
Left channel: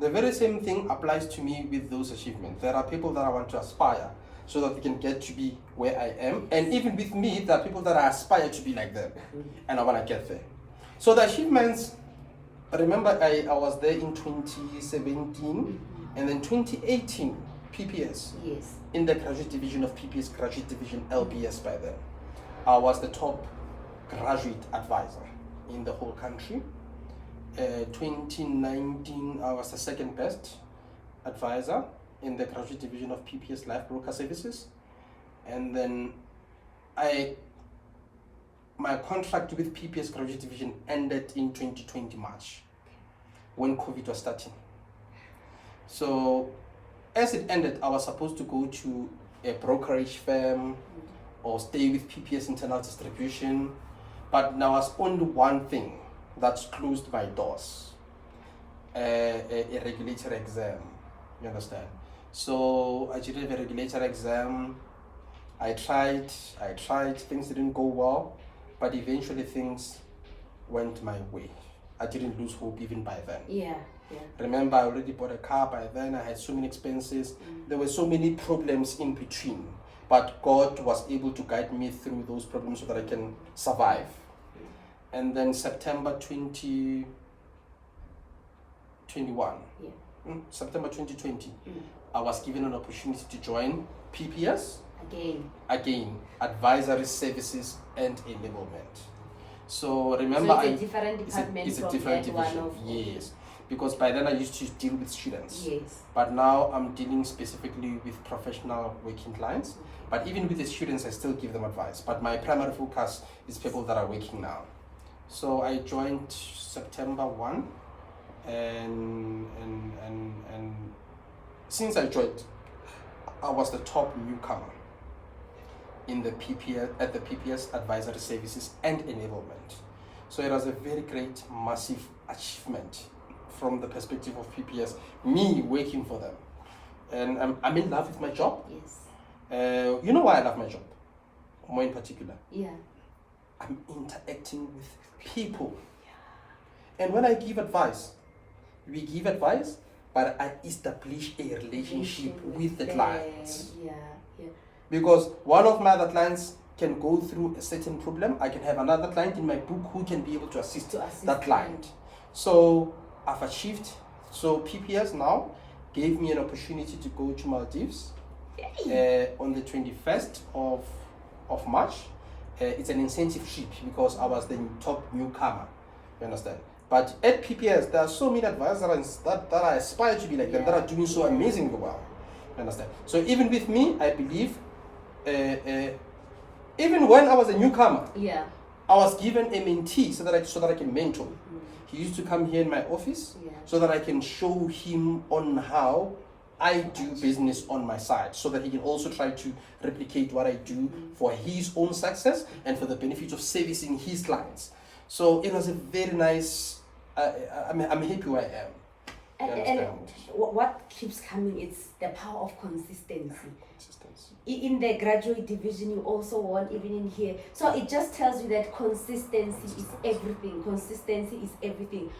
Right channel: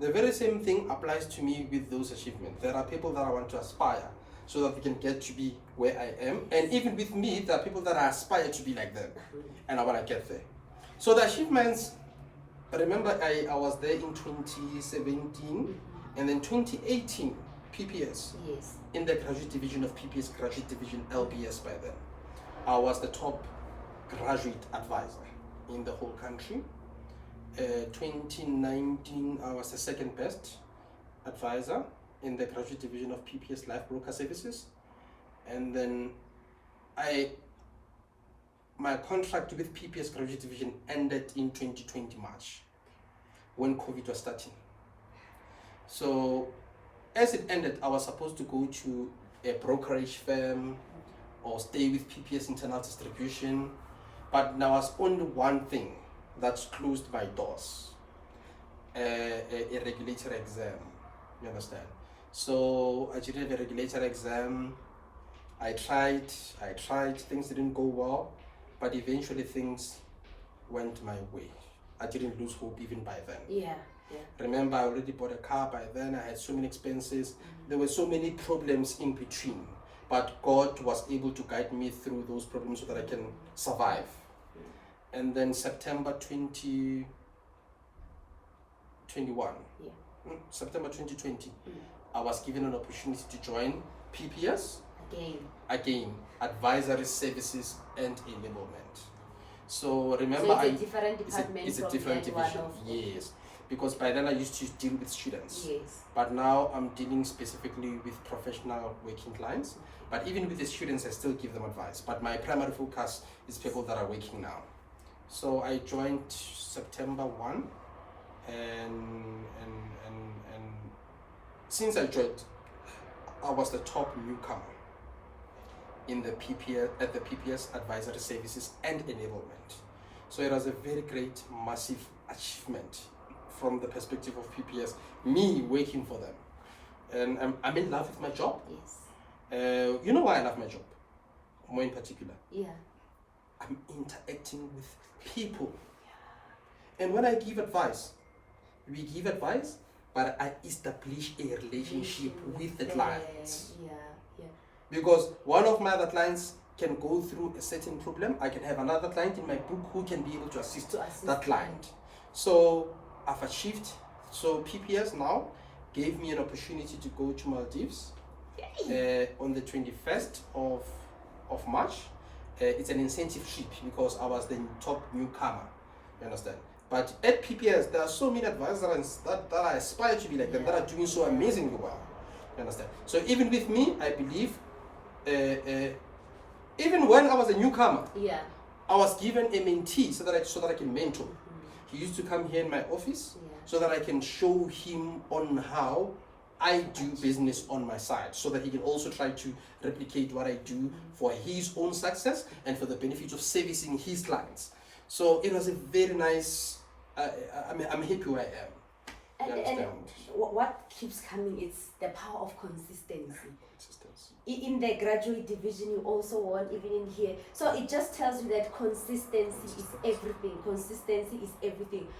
The very same thing applies to me with those achievements. There are people that I want to aspire so that they can get to be where I am. And even with me, there are people that I aspire to be like them. And I want to get there. So the achievements, I remember I was there in 2017 and then 2018 PPS. In the graduate division of PPS, graduate division LBS by then. I was the top graduate advisor in the whole country. 2019, I was the second best advisor in the graduate division of PPS Life Broker Services. And then my contract with PPS graduate division ended in 2020 March, when COVID was starting. So as it ended, I was supposed to go to a brokerage firm or stay with PPS internal distribution, but now was only one thing that's closed my doors, a regulatory exam, you understand? So I did a regulatory exam. I tried, things didn't go well, but eventually things went my way. I didn't lose hope even by then. Remember, I already bought a car by then. I had so many expenses. There were so many problems in between, but God was able to guide me through those problems so that I can survive. And then September 2021, September 2020, I was given an opportunity to join PPS Again, advisory services and enablement. So remember, so it's a different department. It's a different division. Yes, because by then I used to deal with students. Yes. But now I'm dealing specifically with professional working clients. But even with the students, I still give them advice. But my primary focus is people that are working now. So I joined September 1, and since I joined, I was the top newcomer in the PPS at the PPS advisory services and enablement. So it was a very great, massive achievement from the perspective of PPS, me working for them. And I'm in love with my job. Yes. You know why I love my job? More in particular. Yeah. I'm interacting with people. Yeah. And when I give advice, we give advice, but I establish a relationship with the clients. Yeah, yeah. Because one of my other clients can go through a certain problem. I can have another client in my book who can be able to assist that client. So I've achieved. So PPS now gave me an opportunity to go to Maldives on the 21st of March. It's an incentive trip because I was the top newcomer. You understand? But at PPS, there are so many advisors that I aspire to be like them, that are doing so amazingly well. You understand? So even with me, I believe, even when I was a newcomer, I was given a mentee so that I can mentor. He used to come here in my office so that I can show him on how I do business on my side, so that he can also try to replicate what I do for his own success and for the benefit of servicing his clients. So it was a very nice, I'm happy where I am. And what keeps coming is the power of consistency. In the graduate division, you also won, even in here. So it just tells you that consistency is everything. Consistency is everything.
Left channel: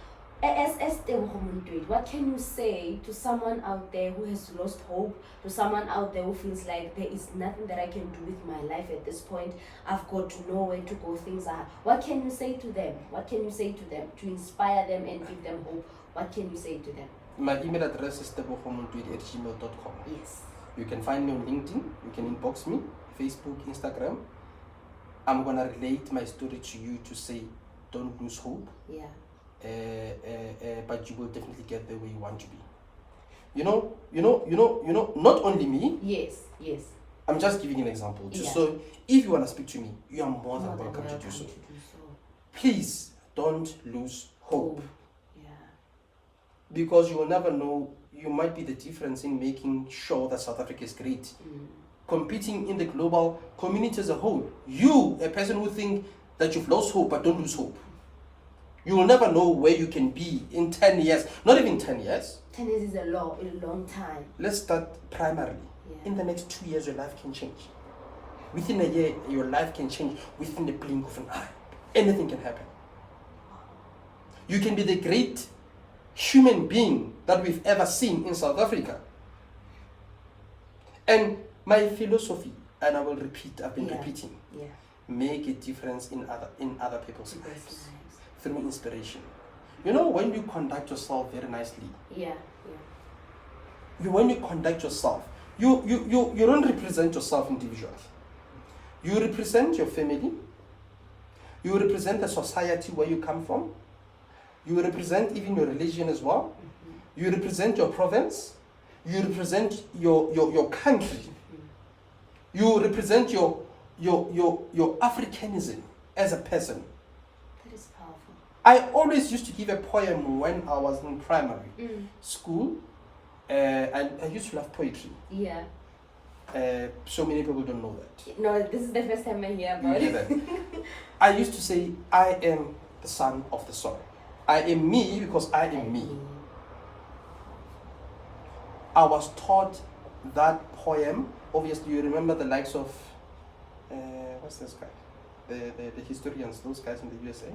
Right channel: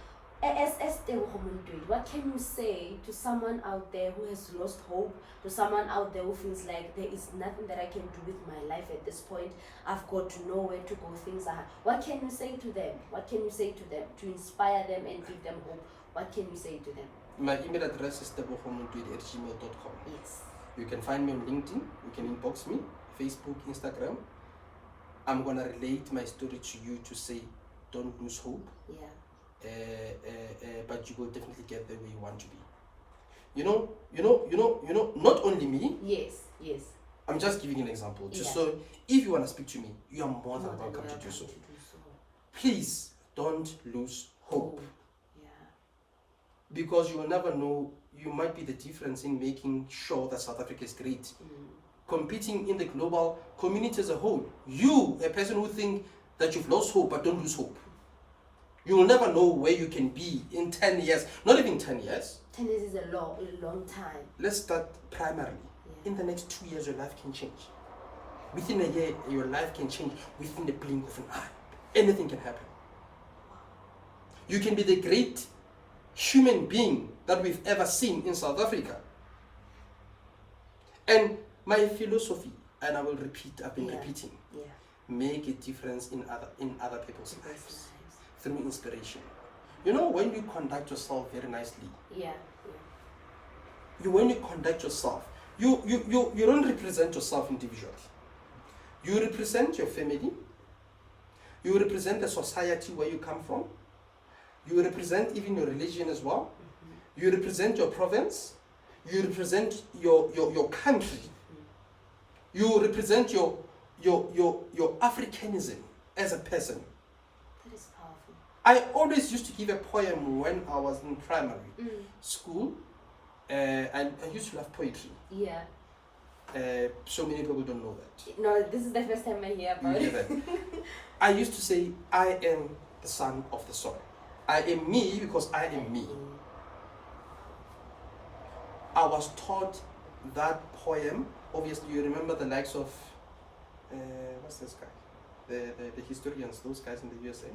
As Tebogo Montoedi, what can you say to someone out there who has lost hope, to someone out there who feels like there is nothing that I can do with my life at this point, I've got to know where to go, things are hard. What can you say to them? What can you say to them to inspire them and give them hope? What can you say to them? My email address is tebogomontoedi@gmail.com. Yes. You can find me on LinkedIn, you can inbox me, Facebook, Instagram. I'm gonna relate my story to you to say, don't lose hope. Yeah. But you will definitely get there where you want to be. You know, not only me. Yes, yes. I'm just giving an example. So if you want to speak to me, you are more than welcome to do so. Please don't lose hope. Yeah. Because you will never know, you might be the difference in making sure that South Africa is great. Competing in the global community as a whole. You, a person who think that you've lost hope, but don't lose hope. You will never know where you can be in 10 years. Not even 10 years. 10 years is a long time. Let's start primarily. In the next 2 years, your life can change. Within a year, your life can change within the blink of an eye. Anything can happen. You can be the great human being that we've ever seen in South Africa. And my philosophy, and I will repeat, I've been repeating, make a difference in other people's lives through inspiration. You know, when you conduct yourself very nicely, when you conduct yourself, you don't represent yourself individually. You represent your family. You represent the society where you come from. You represent even your religion as well. You represent your province. You represent your country. You represent your Africanism as a person. That is powerful. I always used to give a poem when I was in primary school. And I used to love poetry. Yeah. So many people don't know that. No, this is the first time I hear about it. I used to say, I am the son of the soil. I am me because I am me. I was taught that poem. Obviously, you remember the likes of, what's this guy? The historians, those guys in the USA.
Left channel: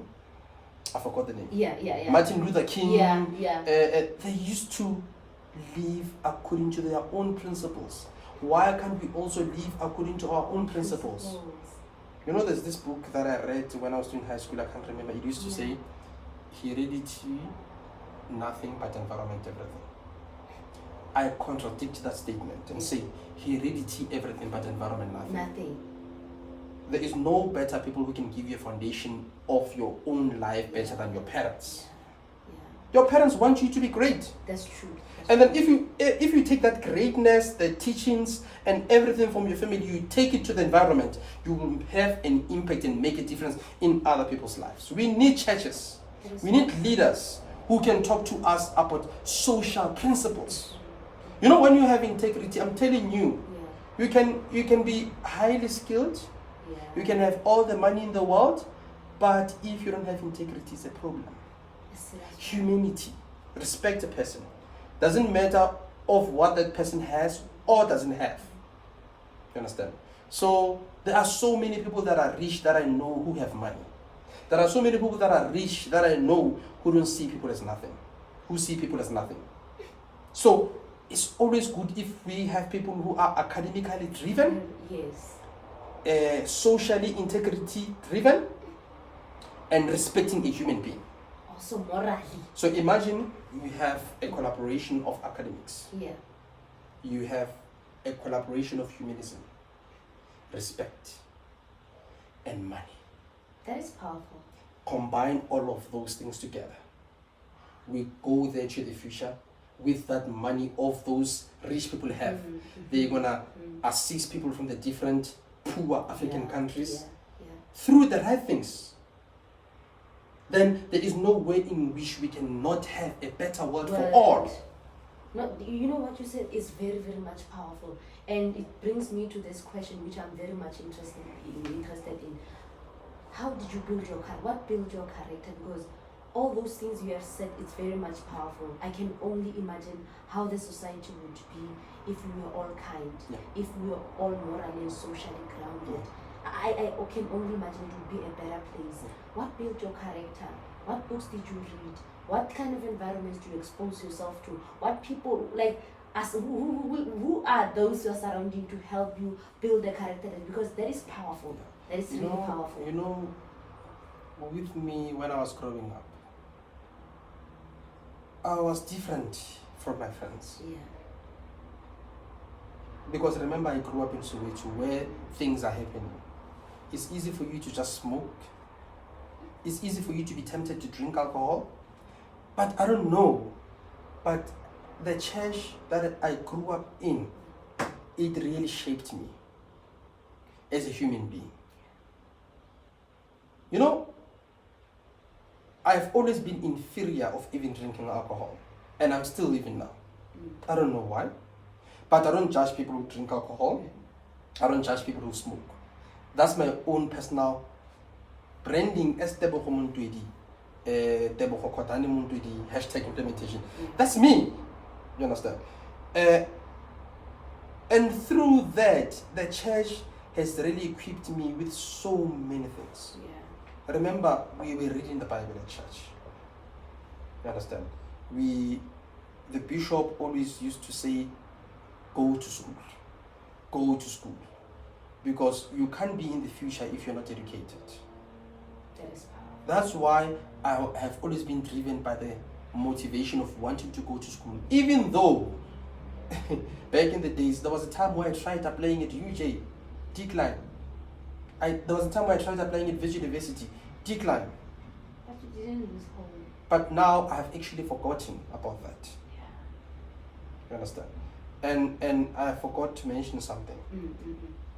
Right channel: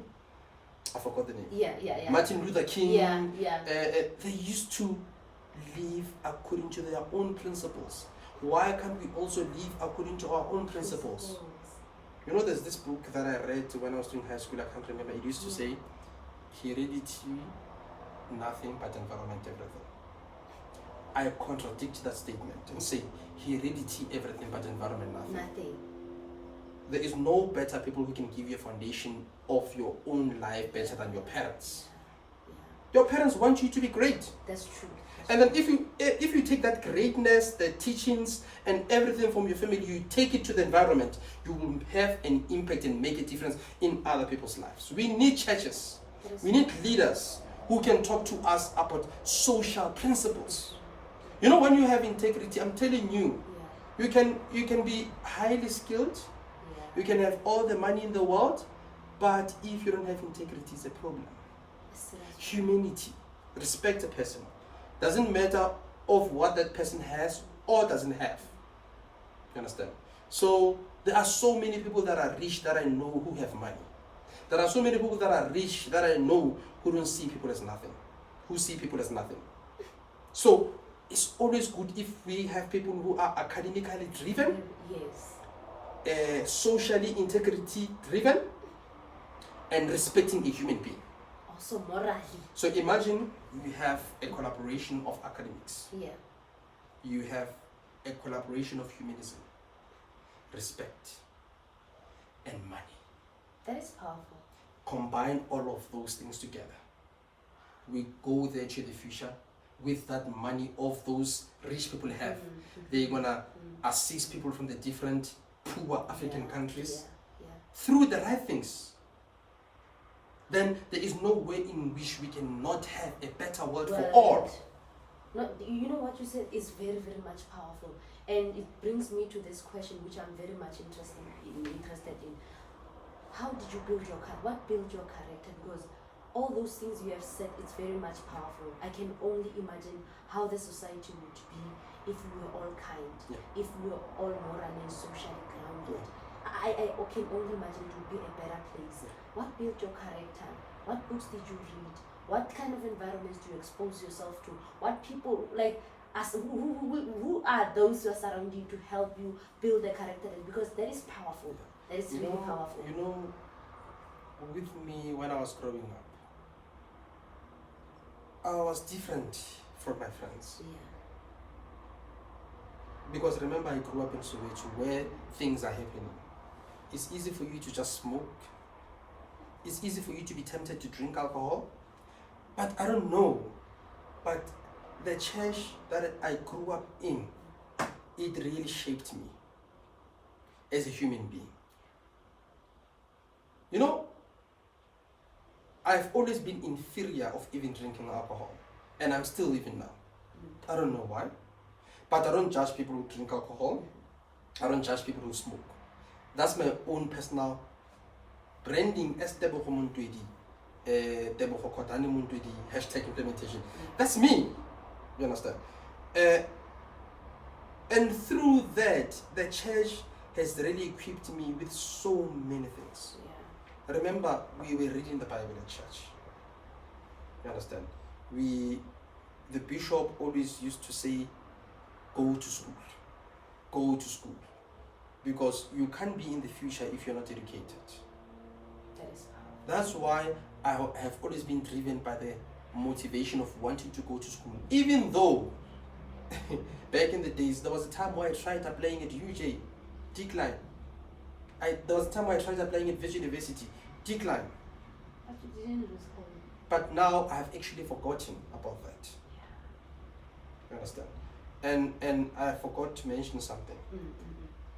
I forgot the name. Yeah. Martin Luther King. Yeah. They used to live according to their own principles. Why can't we also live according to our own principles? You know, there's this book that I read when I was in high school, I can't remember. It used to say, heredity, nothing but environment, everything. I contradict that statement and say heredity everything but environment nothing. There is no better people who can give you a foundation of your own life better than your parents. Your parents want you to be great. That's true. And then if you take that greatness, the teachings and everything from your family, you take it to the environment, you will have an impact and make a difference in other people's lives. We need churches. We need leaders who can talk to us about social principles. You know, when you have integrity, I'm telling you, you can be highly skilled, you can have all the money in the world, but if you don't have integrity, it's a problem. Humanity, respect a person. Doesn't matter of what that person has or doesn't have. You understand? So there are so many people that are rich that I know who have money. There are so many people that are rich that I know who don't see people as nothing, who see people as nothing. So it's always good if we have people who are academically driven, socially integrity driven, and respecting a human being. Also morally. So imagine you have a collaboration of academics. You have a collaboration of humanism, respect, and money. That is powerful. Combine all of those things together. We go there to the future with that money of those rich people have. They're gonna assist people from the different poor African countries through the right things. Then there is no way in which we cannot have a better world for all. No, you know what you said is very, very much powerful, and it brings me to this question, which I'm very much interested in. How did you build your character? What built your character? Because all those things you have said, it's very much powerful. I can only imagine how the society would be if we were all kind, if we were all morally and socially grounded. I can only imagine it would be a better place. What built your character? What books did you read? What kind of environments do you expose yourself to? What people like us? Who are those who are surrounding you to help you build the character? Because that is powerful. That is really powerful. You know, with me when I was growing up, I was different from my friends. Because remember, I grew up in Soweto where things are happening. It's easy for you to just smoke. It's easy for you to be tempted to drink alcohol. But I don't know. But the church that I grew up in, it really shaped me as a human being. You know, I've always been in fear of even drinking alcohol. And I'm still even now. I don't know why. But I don't judge people who drink alcohol. I don't judge people who smoke. That's my own personal branding as Tebogo Montoedi, Tebogo Kotane Montoedi, #implementation. That's me. You understand? And through that, the church has really equipped me with so many things. Remember, we were reading the Bible in church. You understand? The bishop always used to say, go to school. Go to school. Because you can't be in the future if you're not educated. That's why I have always been driven by the motivation of wanting to go to school. Even though, back in the days, there was a time where I tried applying at UJ, decline. There was a time where I tried applying at Visual University, decline. But you didn't lose hope. But now I have actually forgotten about that. You understand? And I forgot to mention something.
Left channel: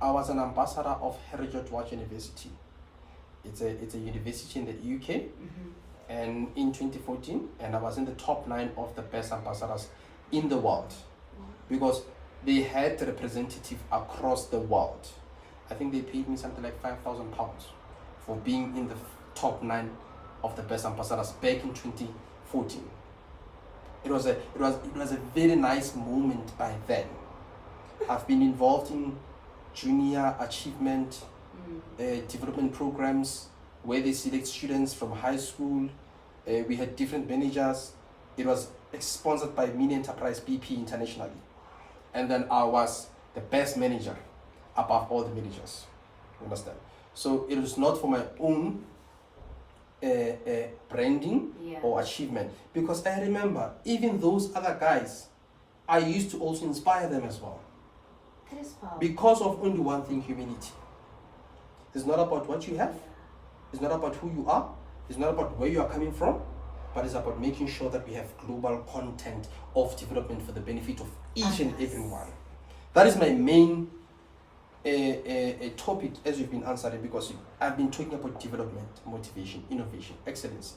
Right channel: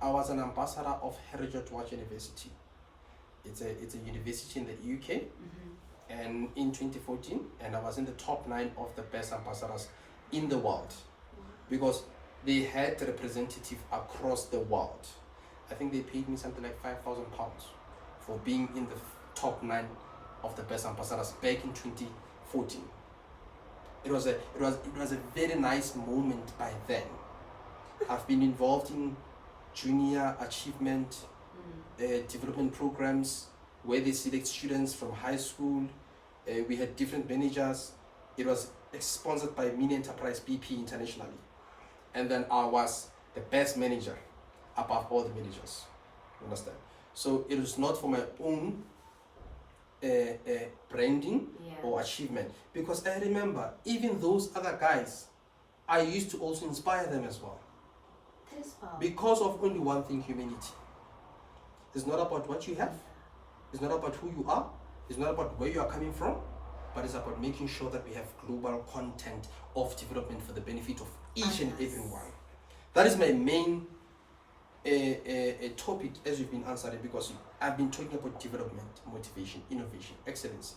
I was an ambassador of Heritage Watch University. It's a university in the UK, and in 2014, and I was in the top 9 of the best ambassadors in the world, because they had representative across the world. I think they paid me something like £5,000 for being in the top 9 of the best ambassadors back in 2014. It was a very nice moment by then. I've been involved in junior achievement development programs where they select students from high school. We had different managers. It was sponsored by Mini Enterprise BP internationally. And then I was the best manager above all the managers. You understand? So it was not for my own branding or achievement. Because I remember even those other guys I used to also inspire them as well. That is powerful. Because of only one thing, humility. It's not about what you have. It's not about who you are. It's not about where you are coming from. But it's about making sure that we have global content of development for the benefit of each and everyone. That is my main topic as you've been answering, because I've been talking about development, motivation, innovation, excellency.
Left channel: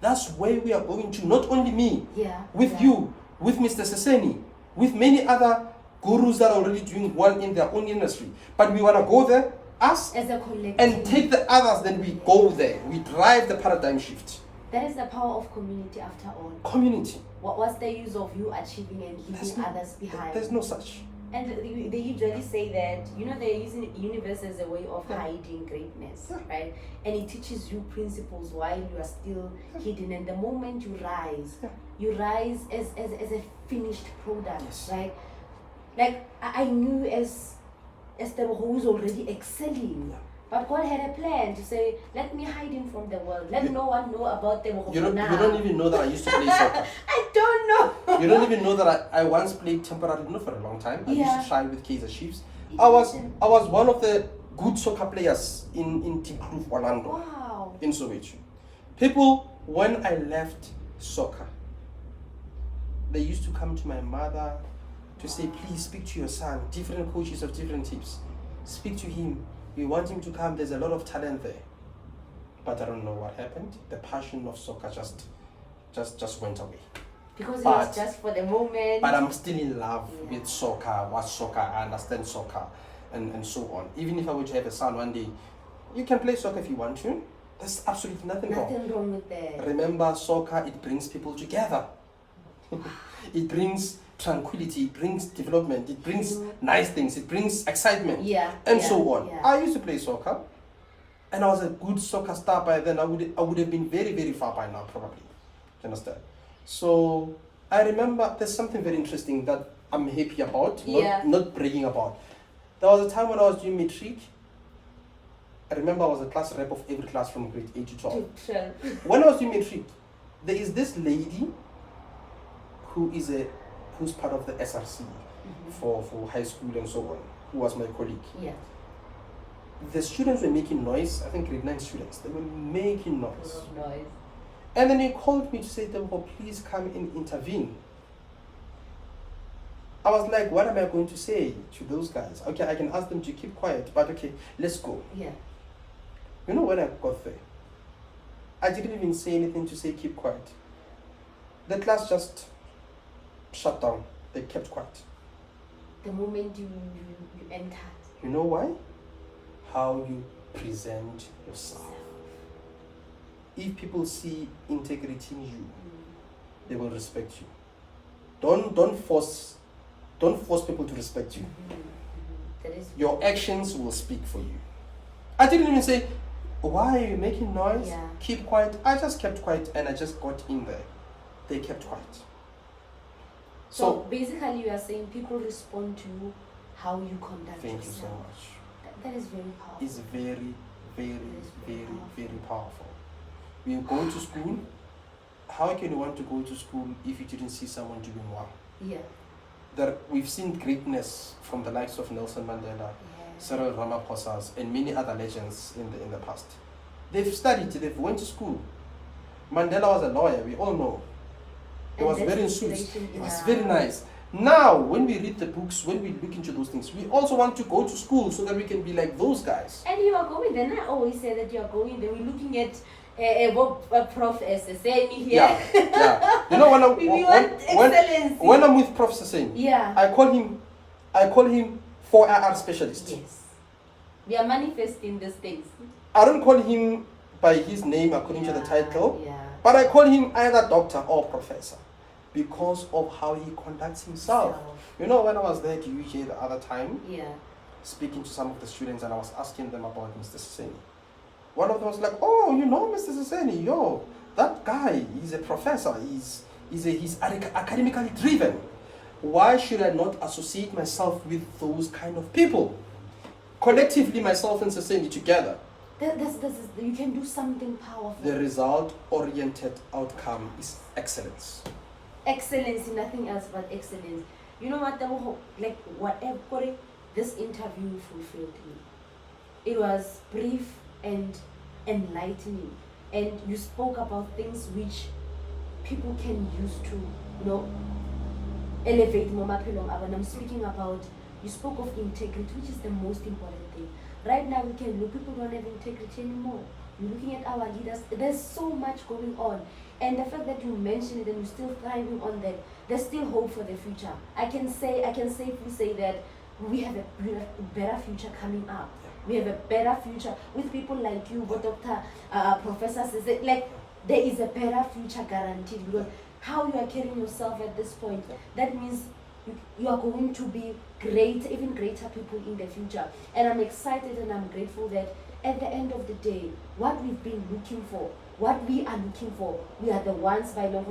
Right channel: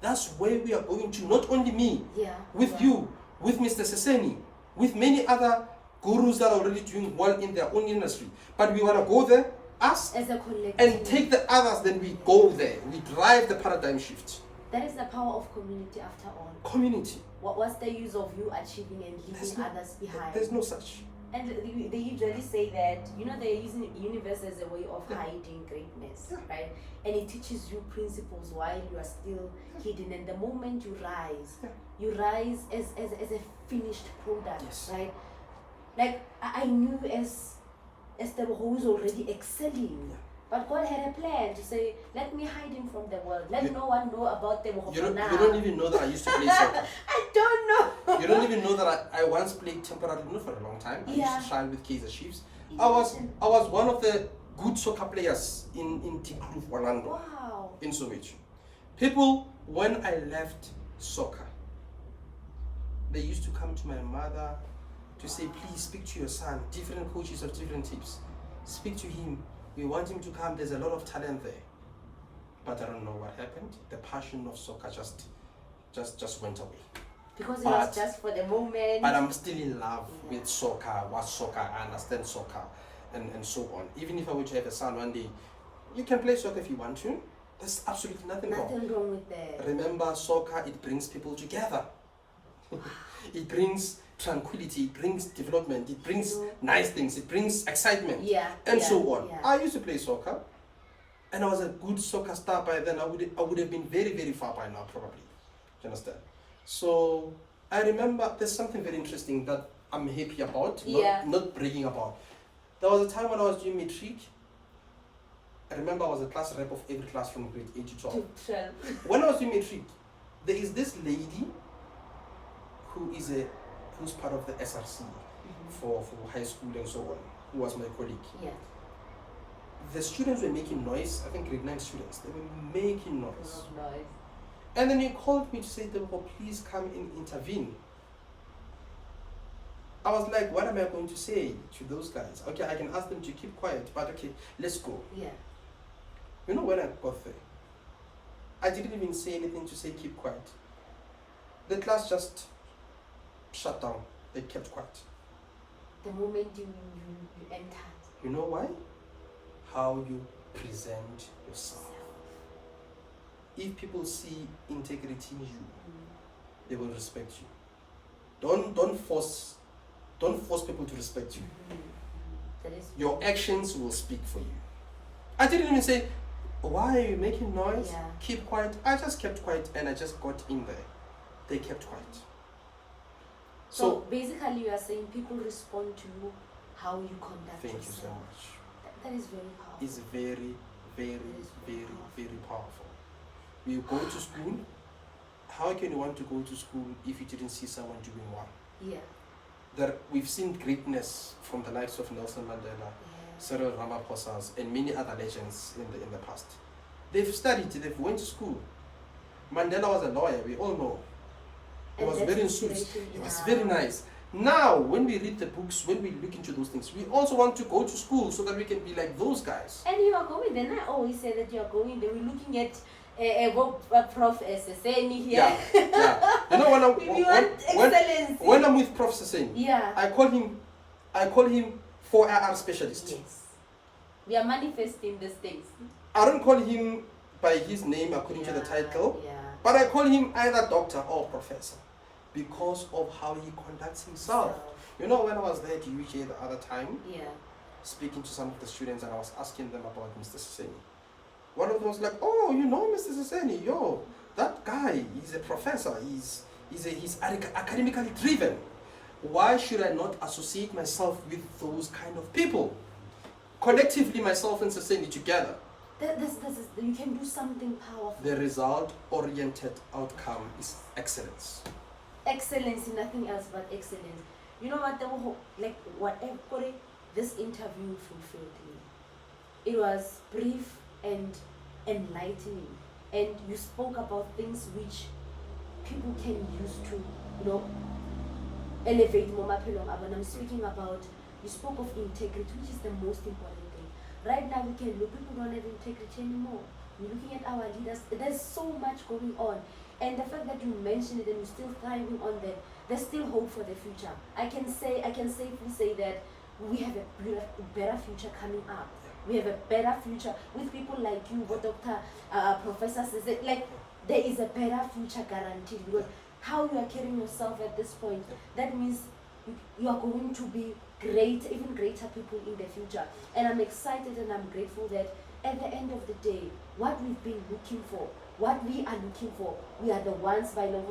That's where we are going to, not only me, with you, with Mr. Seseni, with many other gurus that are already doing well in their own industry. But we want to go there, us, as a collective, and take the others, then we go there. We drive the paradigm shift. That is the power of community after all. Community. What's the use of you achieving and leaving others behind? There's no such. And they usually say that, they're using universe as a way of hiding greatness, right? And it teaches you principles while you are still hidden. And the moment you rise as a finished product, right? Like I knew as Tebogo, who is already excelling. But God had a plan to say, let me hide him from the world. Let no one know about Tebogo you now. You don't even know that I used to play soccer. I don't know. You don't even know that I once played temporarily, not for a long time. I used to try with Kaizer Chiefs. I was one of the good soccer players in Tikloof, Orlando. Wow. In Soweto. People, when I left soccer, they used to come to my mother to say, please speak to your son. Different coaches of different teams. Speak to him. We want him to come. There's a lot of talent there. But I don't know what happened. The passion of soccer just went away. Because it was just for the moment. But I'm still in love with soccer, watch soccer, I understand soccer, and so on. Even if I were to have a son one day, you can play soccer if you want to. There's absolutely nothing wrong. Nothing wrong with that. Remember, soccer, it brings people together. It brings tranquility, it brings development, it brings nice things, it brings excitement, and so on. I used to play soccer, and I was a good soccer star by then. I would have been very, very far by now, probably. Do you understand? So I remember there's something very interesting that I'm happy about, not bragging about. There was a time when I was doing matric. I remember I was a class rep of every class from grade 8 to 12. When I was doing matric, there is this lady who's part of the SRC for high school and so on, who was my colleague. The students were making noise. I think grade 9 students, they were making noise. And then he called me to say, Tebogo, please come and intervene. I was like, what am I going to say to those guys? Okay, I can ask them to keep quiet, but okay, let's go. You know, when I got there, I didn't even say anything to say keep quiet. The class just shut down. They kept quiet. The moment you entered. You know why? How you present yourself. If people see integrity in you, they will respect you. Don't force people to respect you. Your actions will speak for you. I didn't even say, why are you making noise? Keep quiet. I just kept quiet and I just got in there. They kept quiet. So basically you are saying people respond to how you conduct yourself. Thank you so much. That is very powerful. It's very, very powerful. You go to school, how can you want to go to school if you didn't see someone doing well? We've seen greatness from the likes of Nelson Mandela, Cyril Ramaphosa, and many other legends in the past. They've studied, they've went to school. Mandela was a lawyer, we all know. He was very sweet. It was very nice. Now, when we read the books, when we look into those things, we also want to go to school so that we can be like those guys. And you are going there. I always say that you are going there. We're looking at Prof. Seseni here. You know, when I'm with Prof. Seseni, I call him 4IR specialist. Yes. We are manifesting these things. I don't call him by his name according to the title, but I call him either doctor or professor because of how he conducts himself. You know, when I was there at UJ the other time, speaking to some of the students, and I was asking them about Mr. Seseni. One of them was like, oh, you know Mr. Seseni, yo, that guy, he's a professor, he's academically driven. Why should I not associate myself with those kind of people? Collectively, myself and Seseni together. You can do something powerful. The result-oriented outcome is excellence. Excellence, nothing else but excellence. You know what? Like whatever this interview fulfilled me. It was brief and enlightening, and you spoke about things which people can use to, elevate more maphelong a bona. I'm speaking about, you spoke of integrity, which is the most important thing. Right now we can look, people don't have integrity anymore. You're looking at our leaders, there's so much going on. And the fact that you mentioned it and you're still thriving on that, there's still hope for the future. I can safely say that we have a better future coming up. We have a better future with people like you, with Dr. Professor says it, like there is a better future guaranteed, because how you are carrying yourself at this point, that means you are going to be great, even greater people in the future. And I'm excited and I'm grateful that at the end of the day, what we've been looking for, what we are looking for, we are the ones by law,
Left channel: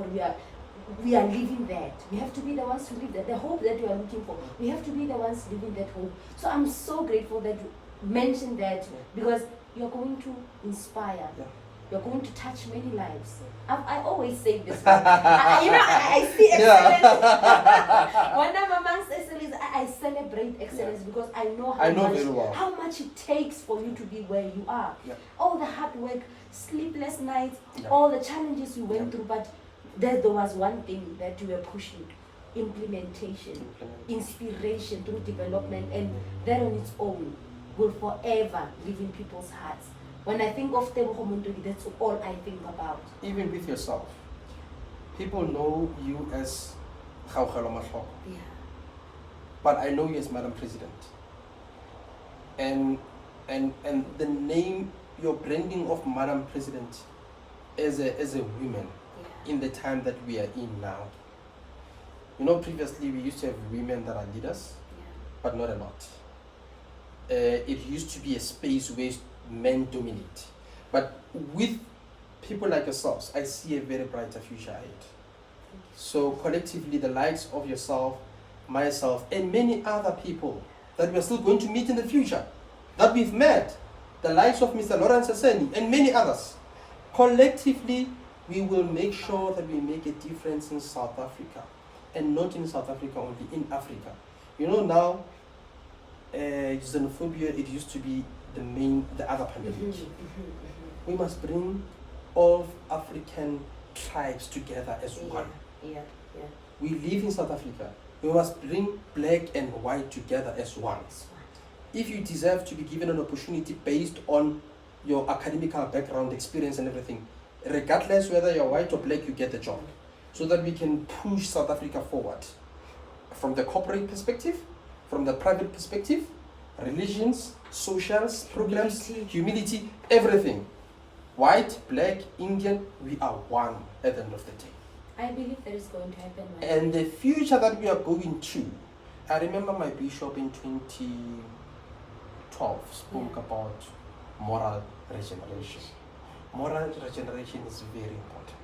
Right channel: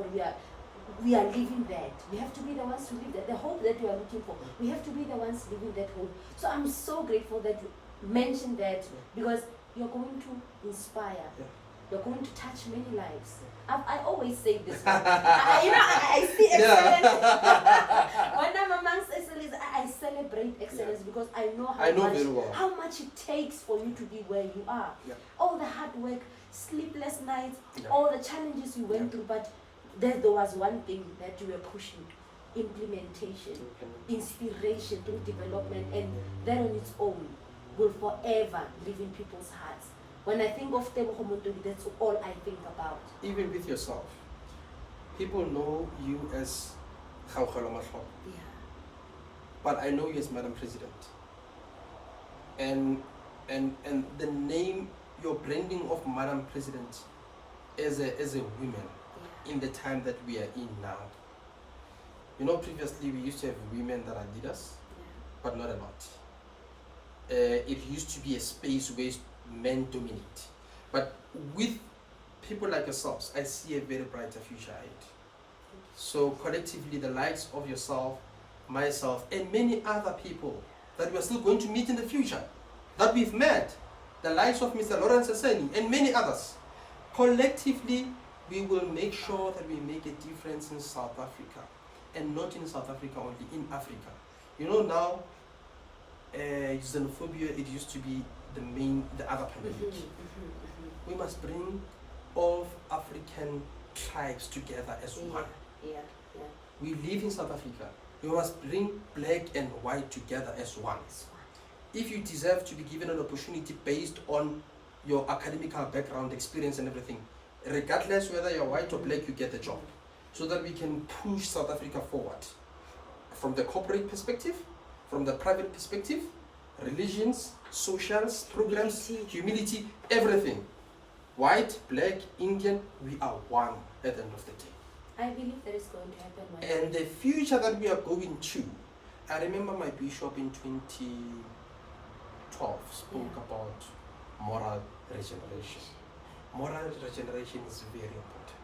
we are living that. We have to be the ones to live that. The hope that we are looking for, we have to be the ones living that hope. So I'm so grateful that you mentioned that, because you're going to inspire. You're going to touch many lives. I always say this. I see excellence. When I'm amongst excellence, I celebrate excellence, because I know how much it takes for you to be where you are. All the hard work, sleepless nights, all the challenges you went through, but there was one thing that you were pushing: implementation, inspiration through development, and that on its own will forever live in people's hearts. When I think of Tebogo Montoedi, that's all I think about. Even with yourself, people know you as Kgaugelo Mahloko. But I know you as Madam President. And the name, your branding of Madam President as a woman in the time that we are in now. Previously we used to have women that are leaders, but not a lot. It used to be a space where men dominate. But with people like yourselves, I see a very brighter future ahead. So collectively, the likes of yourself, myself, and many other people that we are still going to meet in the future, that we've met, the likes of Mr. Lawrence Aseni and many others, collectively, we will make sure that we make a difference in South Africa, and not in South Africa only, in Africa. Now, xenophobia, it used to be the other pandemic. We must bring all African tribes together as one. We live in South Africa. We must bring black and white together as one. If you deserve to be given an opportunity based on your academic background, experience and everything, regardless whether you're white or black, you get the job. So that we can push South Africa forward. From the corporate perspective, from the private perspective, religions, socials, programs, humility, everything. White, black, Indian, we are one at the end of the day. I believe that is going to happen. And the future that we are going to, I remember my bishop in 2012 spoke about moral regeneration. Moral regeneration is very important.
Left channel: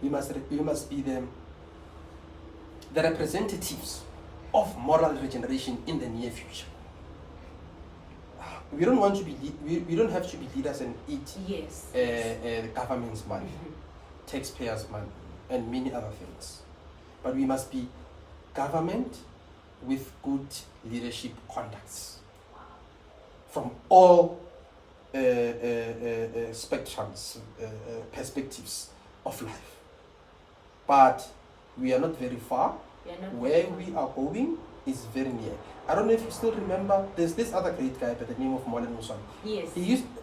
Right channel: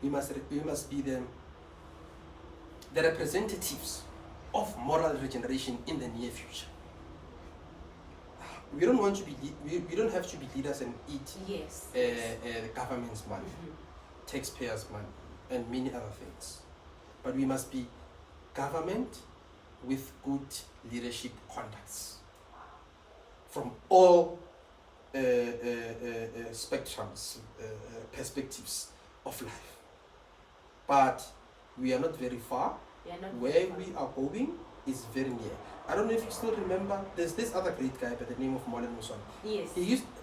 We must be the representatives of moral regeneration in the near future. We don't want to be. We don't have to be leaders and eat the government's money, taxpayers' money, and many other things. But we must be government with good leadership contacts from all spectrums, perspectives of life. But we are not very far. Where we are going is very near. I don't know if you still remember, there's this other great guy by the name of Molen Musoni. Yes.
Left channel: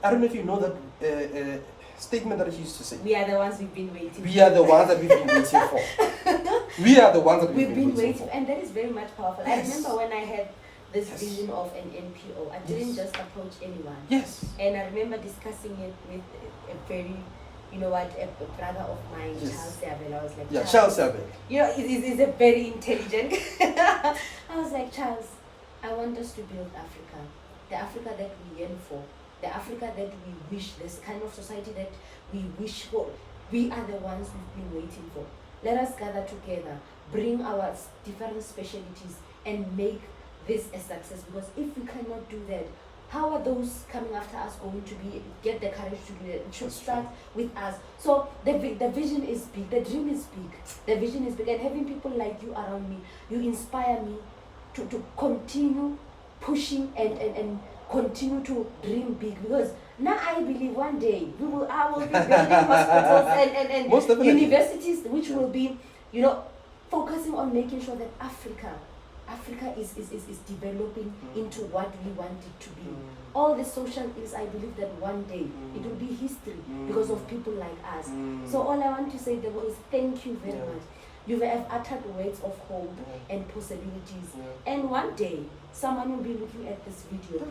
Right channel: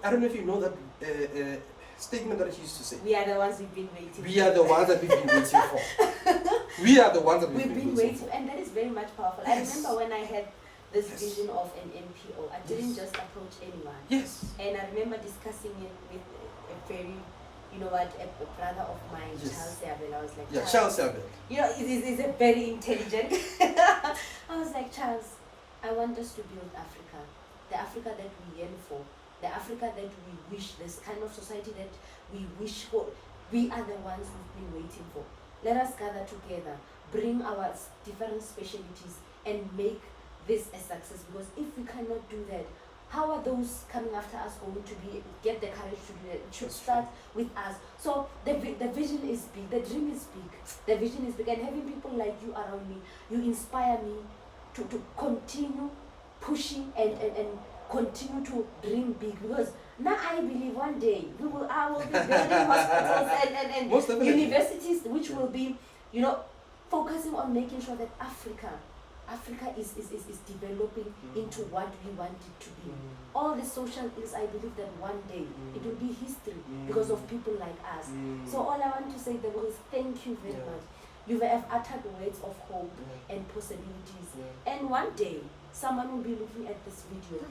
I don't know if you know that statement that he used to say. We are the ones we've been waiting for. We are the ones that we've been waiting for. We are the ones that we've been waiting for. And that is very much powerful. Yes. I remember when I had this vision of an NPO, I didn't just approach anyone. Yes. And I remember discussing it with a very, a brother of mine, Charles Seabel. I was like, Charles Seabel. He's a very intelligent. I was like, Charles, I want us to build Africa. The Africa that we yearn for. The Africa that we wish, this kind of society that we wish for. We are the ones we've been waiting for. Let us gather together, bring our different specialties and make this a success. Because if we cannot do that, how are those coming after us going to get the courage to do it? It should start with us. So the vision is big, the dream is big, the vision is big, and having people like you around me, you inspire me to continue pushing and continue to dream big, because now I believe one day I will be building hospitals and universities which will be, focusing on making sure that Africa is developing into what we want it to be. All the social ills, I believe that one day it will be history because of people like us. So all I want to say, Tebogo, is thank you very much. You have uttered words of hope and possibilities. And one day, someone will be looking at this video.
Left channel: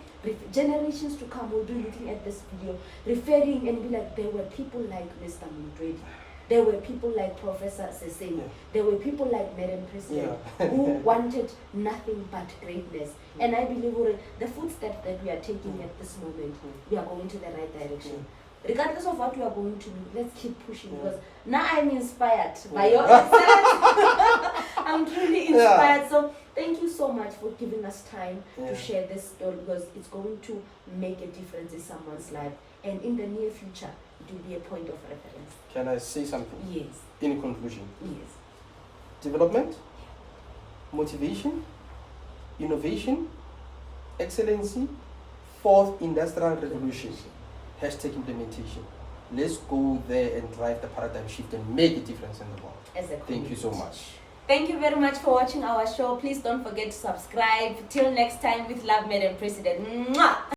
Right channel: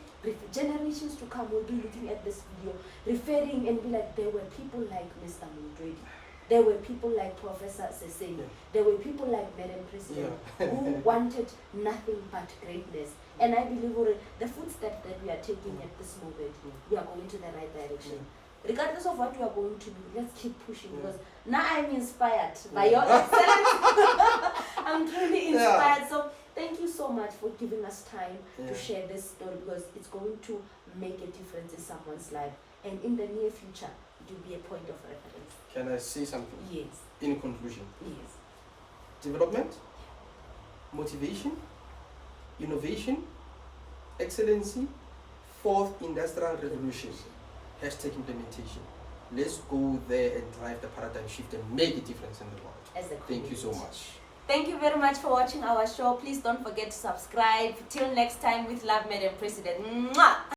Generations to come will be looking at this video, referring and be like, there were people like Mr. Montoedi. There were people like Professor Seseni. There were people like Madam President who wanted nothing but greatness. And I believe the footsteps that we are taking at this moment, we are going to the right direction. Regardless of what we are going to do, let's keep pushing, because now I'm inspired by your excellence. I'm truly inspired. So thank you so much for giving us time to share this story, because it's going to make a difference in someone's life. And in the near future, it will be a point of reference. Can I say something? Yes. In conclusion. Yes. Development, motivation, innovation, excellency, fourth industrial revolution. Hashtag implementation. Let's go there and drive the paradigm shift and make a difference in the world. Thank you so much. Thank you very much for watching our show. Please don't forget to subscribe. Till next time, with love, Madam President. Mwah!